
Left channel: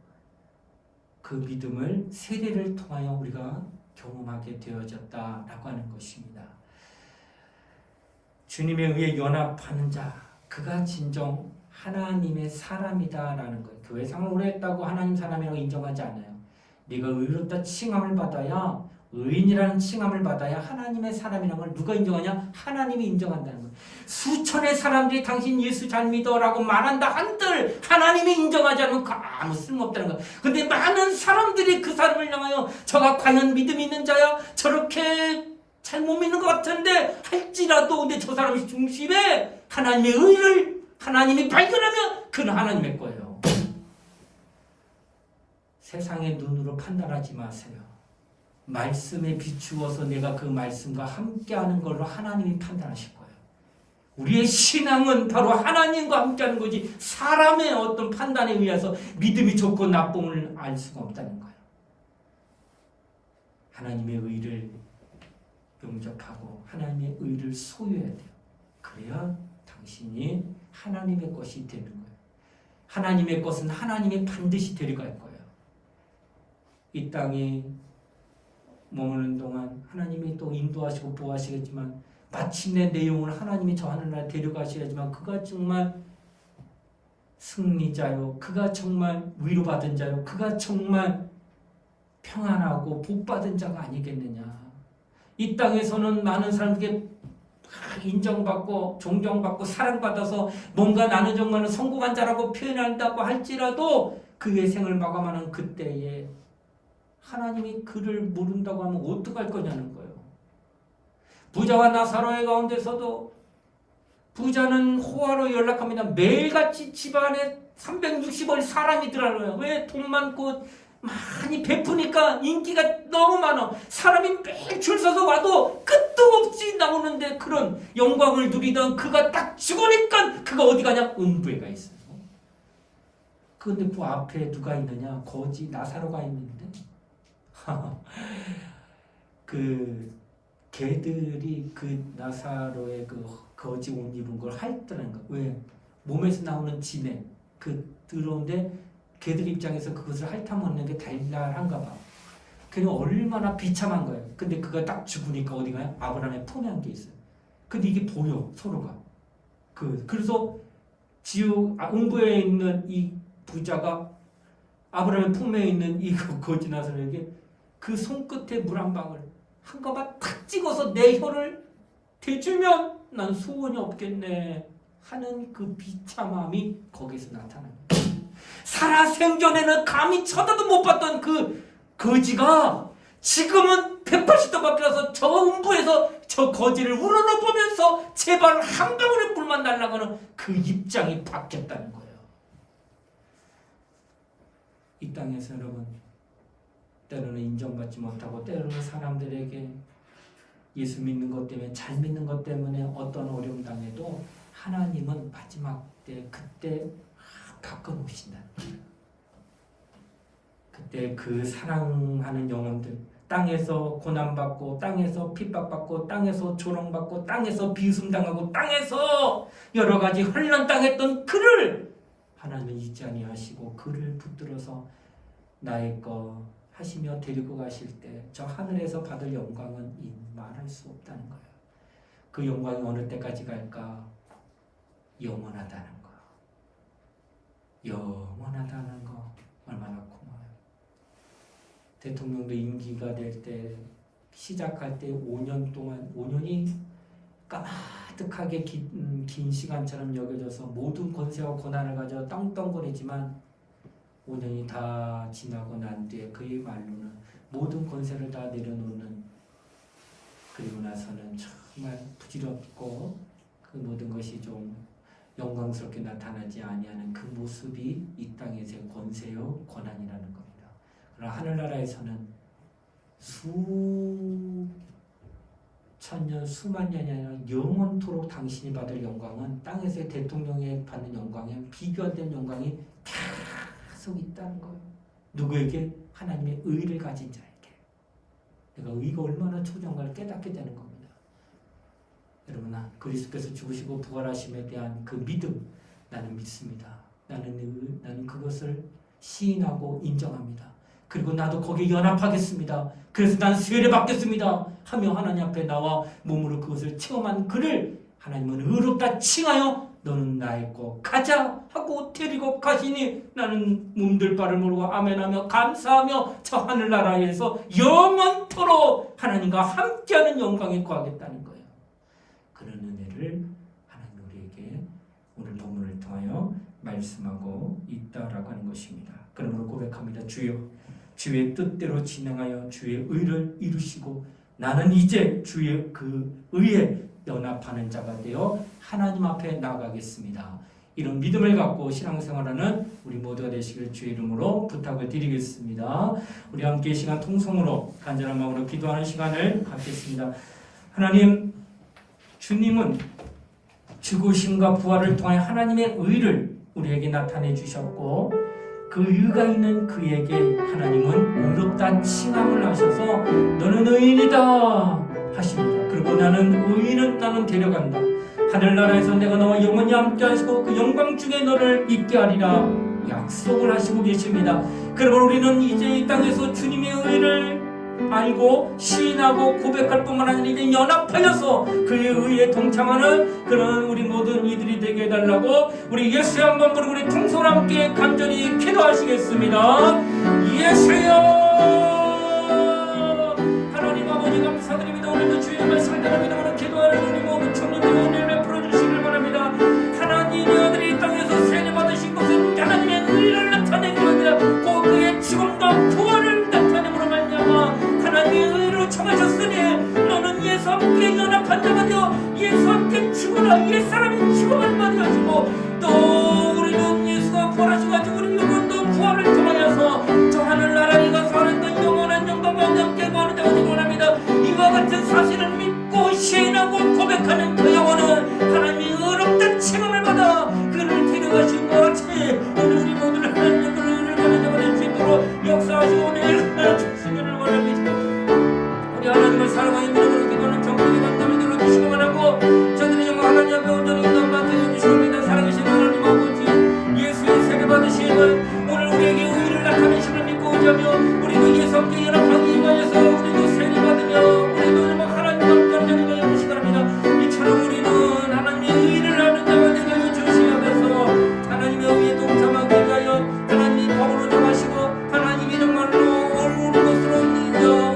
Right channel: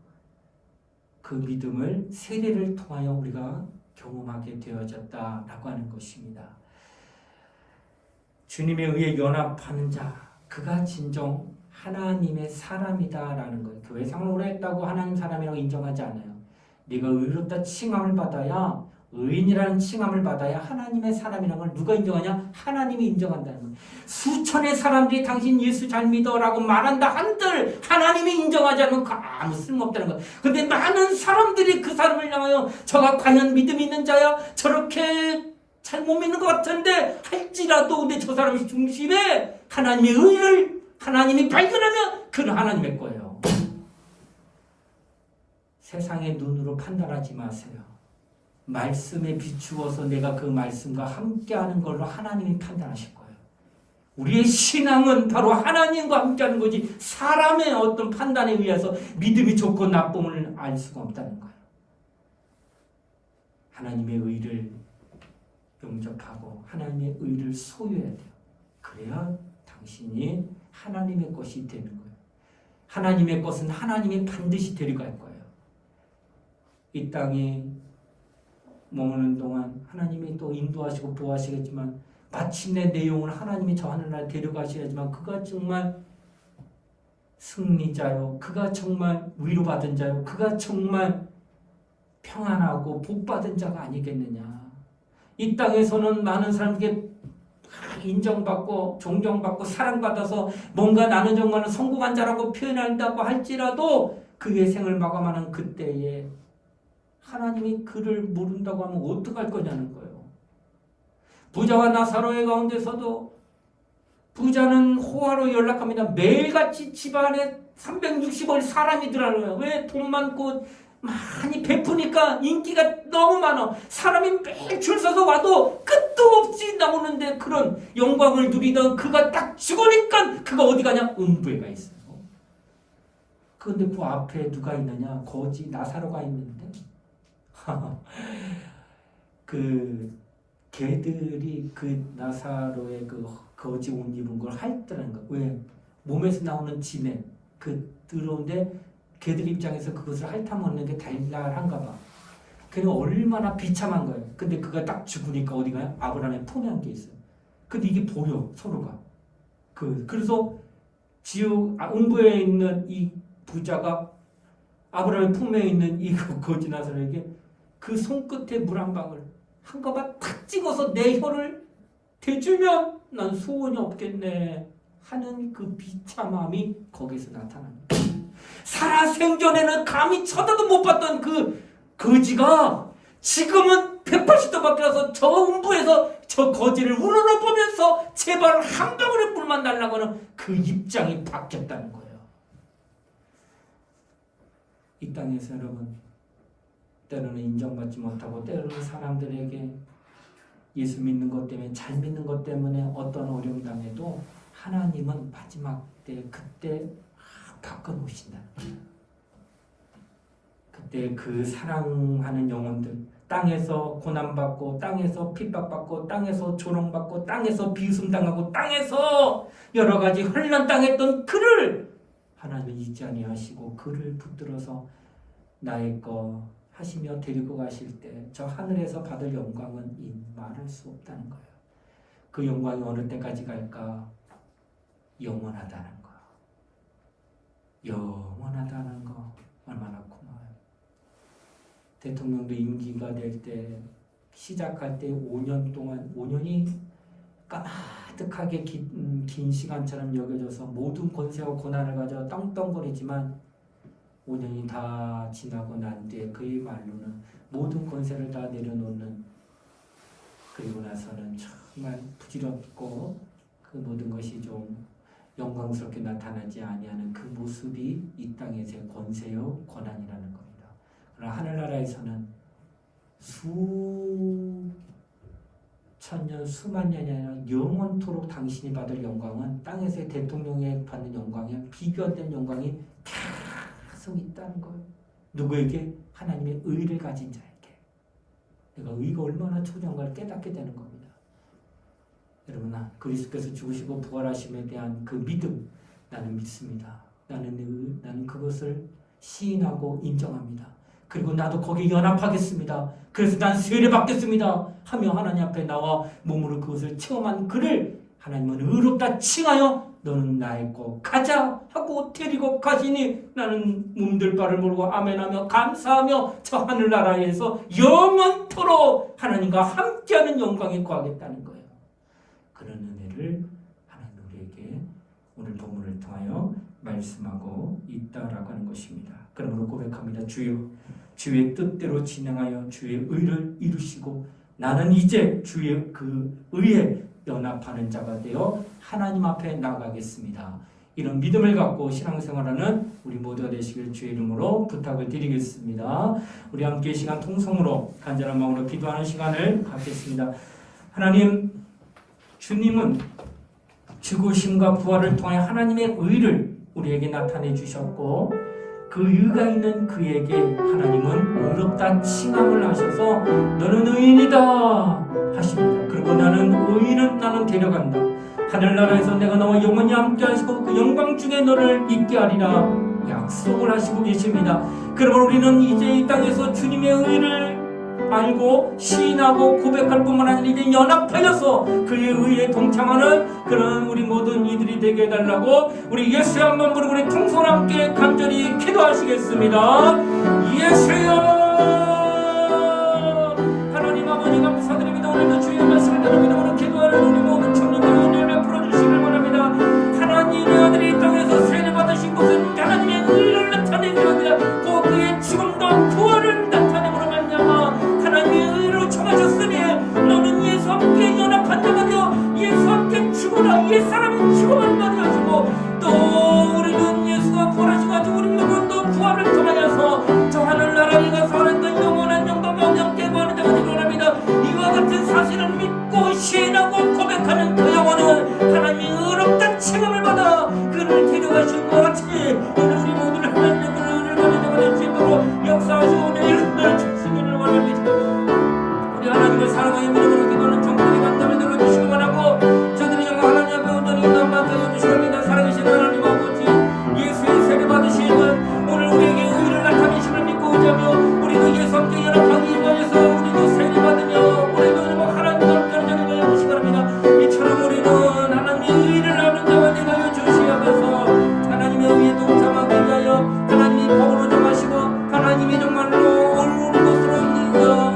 그 믿음을 세례를 통하여 우리가 경험하게 되어졌다라고 하는 것입니다. 주님에 의해 연합하는 자 그가 진정 하나님의 사람이다라는 거예요. 교회생활을 오래 했다고 하나님 사람이라고 인정하지 않아요. 네가 의롭다 칭함을 받아야 의인이라는 칭함을 받아야 하나님의 사람이라는 걸 누가 인정하냐? 하나님이 인정한다는 거예요. 수천의 사람들이 당신 예수 잘 믿어라고 말한다 한들 하나님이 인정하지 않으면 아무 쓸모없다는 거예요. 근데 많은 사람들이 그 사람을 향하여 저가 과연 믿음이 있는 자야? 저렇게 잘 못 믿는 것 같은데 할지라도 근데 저 사람이 중심에 하나님의 의를 하나님이 발견하면 그는 하나님의 거예요. 세상의 눈으로 판단하지 마세요. 말씀에 비추어서 내가 그 말씀과 함께하는 걸로 하나님이 판단하실 거예요. 우리의 신앙은 바로 하나님과 함께하는 거지 사람의 어떤 판단에 의해서 믿음이 좋고 나쁨을 알 수가 없다는 거예요. 하나님의 의를 영접하고 하나님의 의를 소유해야 돼요. 그래야 당신이 하나님의 것이 되는 거예요. 하나님의 것은 하나님이 반드시 데려갈 거예요. 이 땅에 머무는 동안 하나님이 또 인도하시고 보호하시겠지만 마침내 내 영혼을 하나님이 저 하늘나라에 데려가셔야지만 그가 정말 승리자요. 그가 정말 위로받은 자요. 그가 정말 평안하고 복받은 자가 아니겠느냐. 이 땅에서는 많은 사람들에게 인정받고 존경받고 사랑받아서 뭔가 나는 정말 성공한 자라고 표현한다고 할지라도 그의 생을 마감하는 그때에 하나님이 그를 모른다고 하면 어떡할 거냐는 거예요. 부자와 나사로의 가운데서도 부자는 호화로 연락합니다. 매일같이 집안에 360원 사람이 들어와요. 왜? 돈 많고 많이 베푸니까 인기가 너무 많아. 사람이 매일 줄 서서 와도 끝도 없이 나오는데 그런 영광을 누리던 그가 딱 죽으니까 그가 어디 가냐? 음부에 가 있어요. 그런데 그 앞에 누가 있느냐? 거지 나사로가 있는데 그 개들이 그 나사로의 그 거지 옷 입은 걸 핥더라는 거. 왜? 몸에서 나오는 진액 그 들어오는데 개들 입장에서 그것을 핥아먹는 게 달달한가 봐. 그냥 얼마나 비참한 거예요. 근데 그가 딱 죽으니까 어디 가요? 아브라함의 품에 안겨 있어요. 근데 이게 보여 서로가. 그래서 음부에 있는 이 부자가 아브라함의 품에 있는 이 거지 나사로에게 그 손끝에 물 한 방울 한 가마 탁 찍어서 내 혀를 대주면 난 소원이 없겠네 하는 그 비참함이 거기서 나타납니다. 살아생전에는 감히 쳐다도 못 봤던 그 거지가 지금은 180도 바뀌어서 저 음부에서 저 거지를 우러러보면서 제발 한 방울의 물만 달라고 하는 그 입장이 바뀌었다는 거예요. 이 땅에서 여러분 때로는 인정받지 못하고 때로는 사람들에게 예수 믿는 것 때문에 잘 믿는 것 때문에 어떤 어려움 당해도 하나님은 마지막 때 그때 바꿔놓으신다는 거예요. 그때 그 사랑하는 영혼들 땅에서 고난받고 땅에서 핍박받고 땅에서 조롱받고 땅에서 비웃음당하고 땅에서 여러 가지 혼란당했던 그를 하나님은 잊지 아니하시고 그를 붙들어서 나의 거 하시며 데리고 가실 때 저 하늘에서 받을 영광은 말할 수 없다는 거예요. 그 영광이 어느 때까지 갈까? 영원하다는 거. 영원하다는 거 얼마나 고마워요. 대통령도 임기가 될 때 시작할 때 5년 동안 5년이 까마득하게 긴 시간처럼 여겨져서 모든 권세와 고난을 가져 떵떵거리지만 5년이 다 지나고 난 뒤에 그의 말로는 모든 권세를 다 내려놓는, 그리고 나서는 정말 부질없고 그 모든 것이 좀 영광스럽게 나타나지 아니하는 그 모습이 이 땅에서의 권세요 권한이라는 겁니다. 그러나 하늘나라에서는 수천년 수만 년이 아니라 영원토록 당신이 받을 영광은 땅에서의 대통령이 받는 영광에 비교 안 되는 영광이 계속 있다는 거예요. 누구에게? 하나님의 의를 가진 자에게. 내가 의가 얼마나 소중한가를 깨닫게 되는 겁니다. 여러분, 그리스도께서 죽으시고 부활하심에 대한 그 믿음, 나는 믿습니다. 나는 그것을 시인하고 인정합니다. 그리고 나도 거기에 연합하겠습니다. 그래서 난 세례 받겠습니다 하며 하나님 앞에 나와 몸으로 그것을 체험한 그를 하나님은 의롭다 칭하여 너는 나의 거 가자 하고 데리고 가시니 나는 몸둘 바를 모르고 아멘하며 감사하며 저 하늘나라에서 영원토록 하나님과 함께하는 영광에 거하겠다는 거예요. 그런 은혜를 하나님 우리에게 오늘 본문을 통하여 말씀하고 있다라고 하는 것입니다. 그러므로 고백합니다. 주의 뜻대로 진행하여 주의 의를 이루시고 나는 이제 주의 그 의에 연합하는 자가 되어 하나님 앞에 나가겠습니다. 이런 믿음을 갖고 신앙생활하는 우리 모두가 되시길 주의 이름으로 부탁을 드리겠습니다. 우리 함께 이 시간 통성으로 간절한 마음으로 기도하는 시간을 갖겠습니다. 하나님, 주님은 죽으심과 부활을 통해 하나님의 의를 우리에게 나타내 주셨고 그 의가 있는 그에게 하나님은 의롭다 칭함을 하셔서 너는 의인이다 하십니다. 그리고 나는 데려간다. 하늘나라에서 내가 너와 영원히 함께 하시고 그 영광 중에 너를 있게 하리라 약속을 하시고 계십니다. 그러므로 우리는 이제 이 땅에서 주님의 의를 알고 시인하고 고백할 뿐만 아니라 이제 연합하여서 그의 의에 동참하는 그런 우리 모든 이들이 되게 해달라고 우리 예수의 한번 부르고 우리 통성을 함께 간절히 기도하시겠습니다. 예수여, 하나님 아버지 감사드립니다. 오늘도 주의 말씀을 따라 믿음으로 기도하는 우리 모든 청년들의 은혜를 베풀어 주시길 바랍니다. 하나님의 아들이 이 땅에서 세례 받으신 것은 하나님의 의를 나타내기 위함이다. 꼭 그의 죽음과 부활을 나타내므로 말미암아 하나님의 의로 청하셨으니 너는 예수와 함께 연합한 자가 되어 예수와 함께 죽어라 옛사람이 죽음을 받아가지고 또 우리는 예수가 부활하셔가지고 우리 영혼도 부활을 통하여서 저 하늘나라에 가서 하는 그 영원한 영광과 함께 구하는 자가 되기 원합니다. 이와 같은 사실을 믿고 시인하고 고백하는 그 영혼은 하나님의 의롭다 칭함을 받아 그를 데려가신 것 같이 오늘 우리 모두를 하나님의 그 의를 가진 자가 될 수 있도록 역사하시고 오늘 주시기를 원합니다. 우리 하나님을 사랑하여 믿음으로 기도하는 정권의 관점을 눌러주시기만 하고 저들의 영광 하나님 앞에 온전히 인도만 되어주시옵니다. 살아계신 하나님 아버지, 예수의 세례 받으시는 오늘 우리에게 의를 나타내심을 믿고 의지하며 우리도 예수 함께 연합하기 위하여서 우리도 세례 받으며 우리도 하나님과 함께하는 자가 되어 주시기 바랍니다. 이처럼 우리는 하나님의 의를 아는 자가 되어 주시면서 하나님의 의에 동참하기 위하여 하나님이 법으로 정하시고 하나님이 정말로 옳은 것으로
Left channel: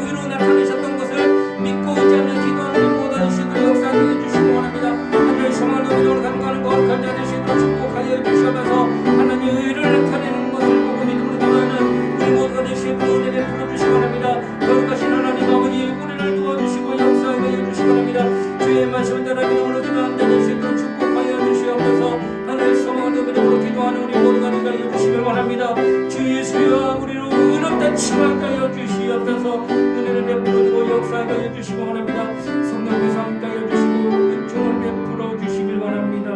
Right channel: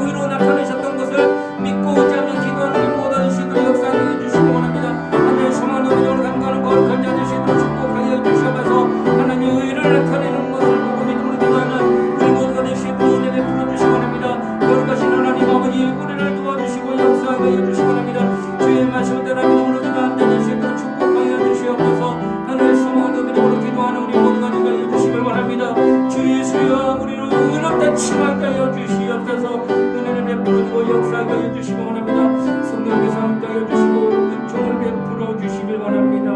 의로 나타내셨던 것을 믿고 의지하며 기도하는 우리 모든 시도 역사에 해주시기 원합니다. 하나님의 성화도 믿음으로 간구하는 것 건져낼 수 있도록 축복하여 주시면서 하나님의 의를 나타내는 것을 보고 믿음으로 기도하는 우리 모두가 될 수 있도록 은혜 베풀어 주시기 바랍니다. 거룩하신 하나님 아버지, 우리를 도와주시고 역사하게 해주시기 바랍니다. 주의 말씀을 따라 믿음으로 기도하는 자 될 수 있도록 축복하여 주시옵소서. 하늘의 성화도 믿음으로 기도하는 우리 모두가 되게 해주시길 바랍니다. 주 예수여, 우리를 의롭다 칭하게 하여 주시옵소서. 은혜를 베풀어주고 역사하게 하여 주시기 원합니다. 성령께서 함께 하여 주시고 은총을 베풀어 주시길 원합니다.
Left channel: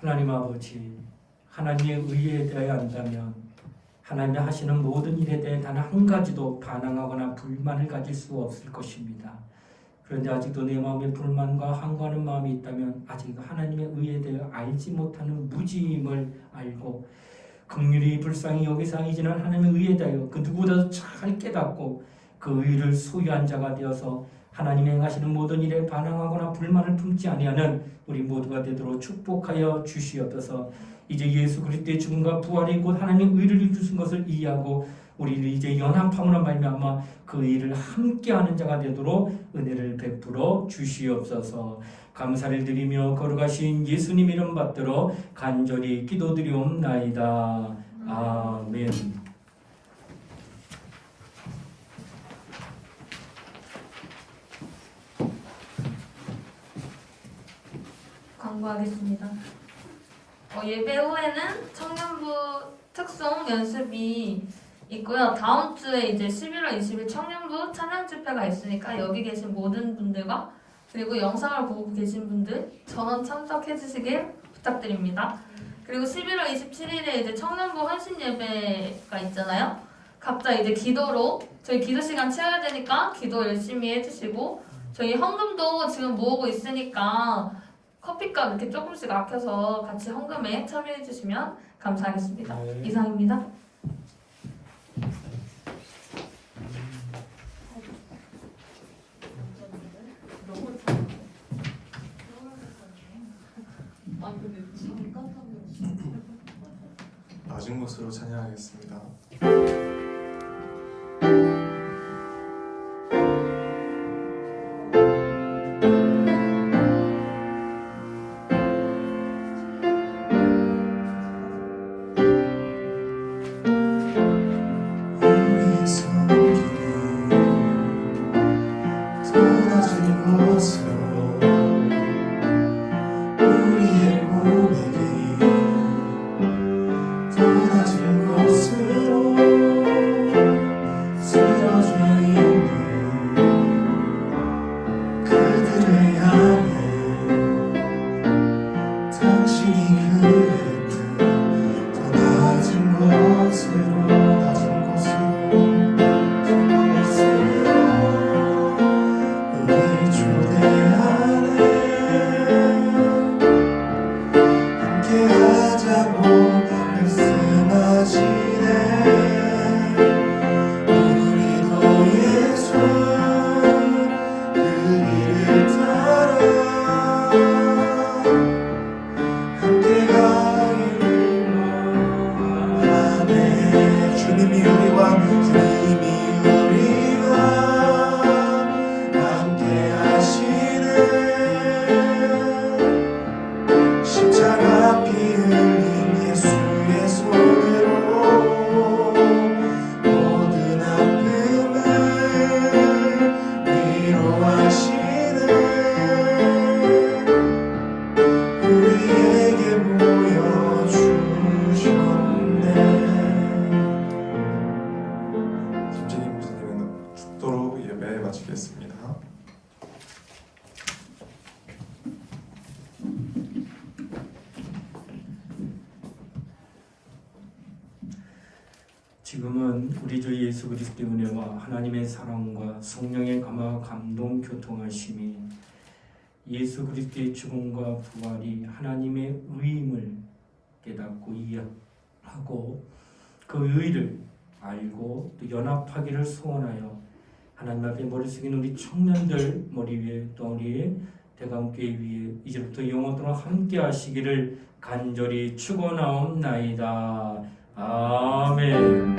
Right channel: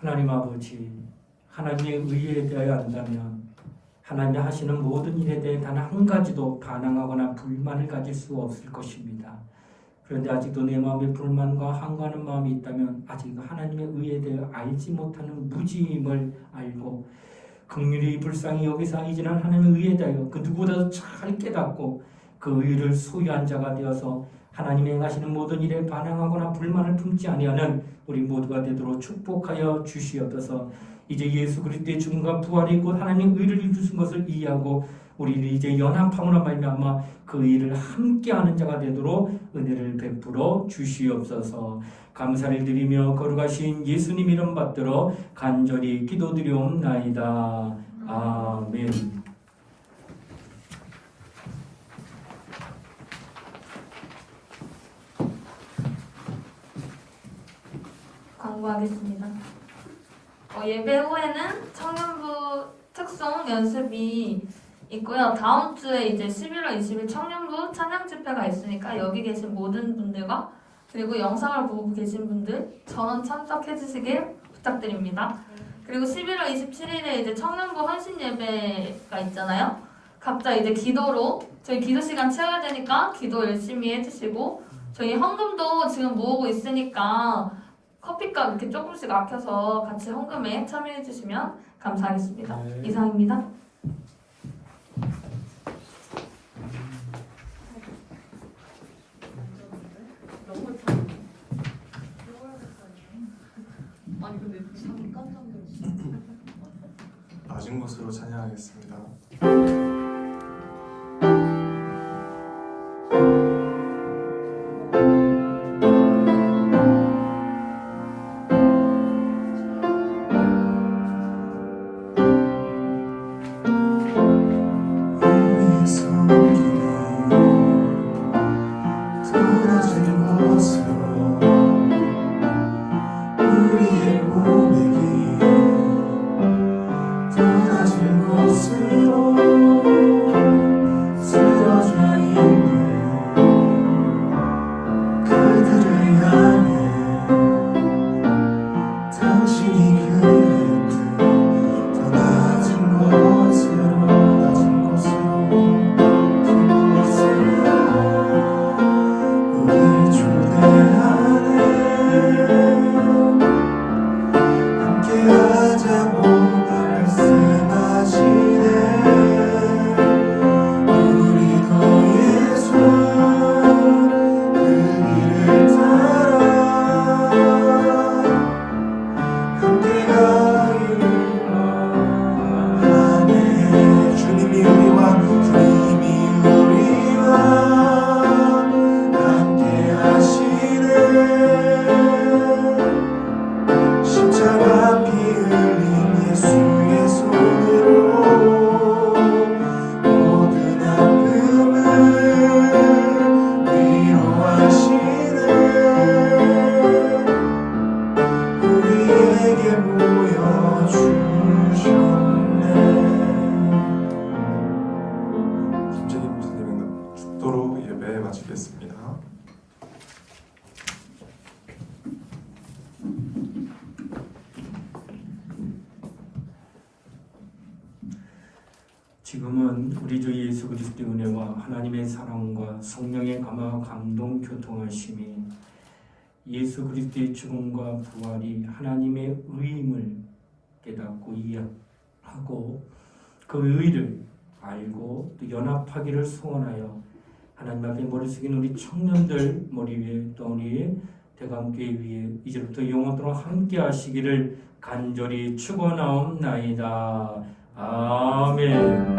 하나님 아버지, 하나님의 의에 대하여 안다면 하나님이 하시는 모든 일에 대해 단 한 가지도 반항하거나 불만을 가질 수 없을 것입니다. 그런데 아직도 내 마음에 불만과 항거하는 마음이 있다면 아직 하나님의 의에 대해 알지 못하는 무지임을 알고 긍휼히 불쌍히 여기서 이제는 하나님의 의에 대하여 그 누구보다도 잘 깨닫고 그 의를 소유한 자가 되어서 하나님의 행하시는 모든 일에 반항하거나 불만을 품지 아니하는 우리 모두가 되도록 축복하여 주시옵소서. 이제 예수 그리스도의 죽음과 부활이 곧 하나님의 의를 이루신 것을 이해하고 우리는 이제 연합함으로 말미암아 그 일을 함께하는 자가 되도록 은혜를 베풀어 주시옵소서. 감사를 드리며 거룩하신 예수님 이름 받들어 간절히 기도드리옵나이다. 아멘. 광고하겠습니다. 예배 후에는 청년부 특송 연습이 있고요. 다음 주에 이제 11월 20일 청년부 찬양 집회가 있으니까 여기 계신 모든 분들과 그리고 영상을 보고 계신 분들 전원 참석해 주시길 부탁드립니다. 그리고 11월 27일에 이제 청년부 헌신 예배가 있잖아요. 각자 이제 기도로 저희 기도 시간 채워야 되니까 기도 열심히 해주시고 저희 헌금도 지금 모으고 있으니까 커피값 이렇게 조금씩 아껴서 같이 헌금에 참여해 주시면 감사하겠습니다. 네. 이상입니다. 낮은 것으로 찬양하겠습니다. 우리의 손길이 더 낮은 곳으로 우리의 고백이 더 낮은 곳으로 쓰러져 있는 그들을 향해 당신이 그랬듯 더 낮은 곳으로 우리를 초대하네 함께하자고 말씀하시네 우리도 예수 그 길을 따라 함께 가기를 원하네 주님이 우리와 함께 하시네 십자가 피 흘린 예수의 손으로 모든 아픔을 위로하시네 우리에게 보여주셨네. 김진희 목사님의 축도로 예배 마치겠습니다. 지금은 우리 주 예수 그리스도의 은혜와 하나님의 사랑과 성령의 감화 감동 교통하심이 예수 그리스도의 죽음과 부활이 하나님의 의임을 깨닫고 이해하고 그 의를 알고 또 연합하기를 소원하여 하나님 앞에 머리 숙인 우리 청년들 머리 위에 또 우리 대감교회 위에 이제부터 영원토록 함께 하시기를 간절히 축원하옵나이다. 아멘.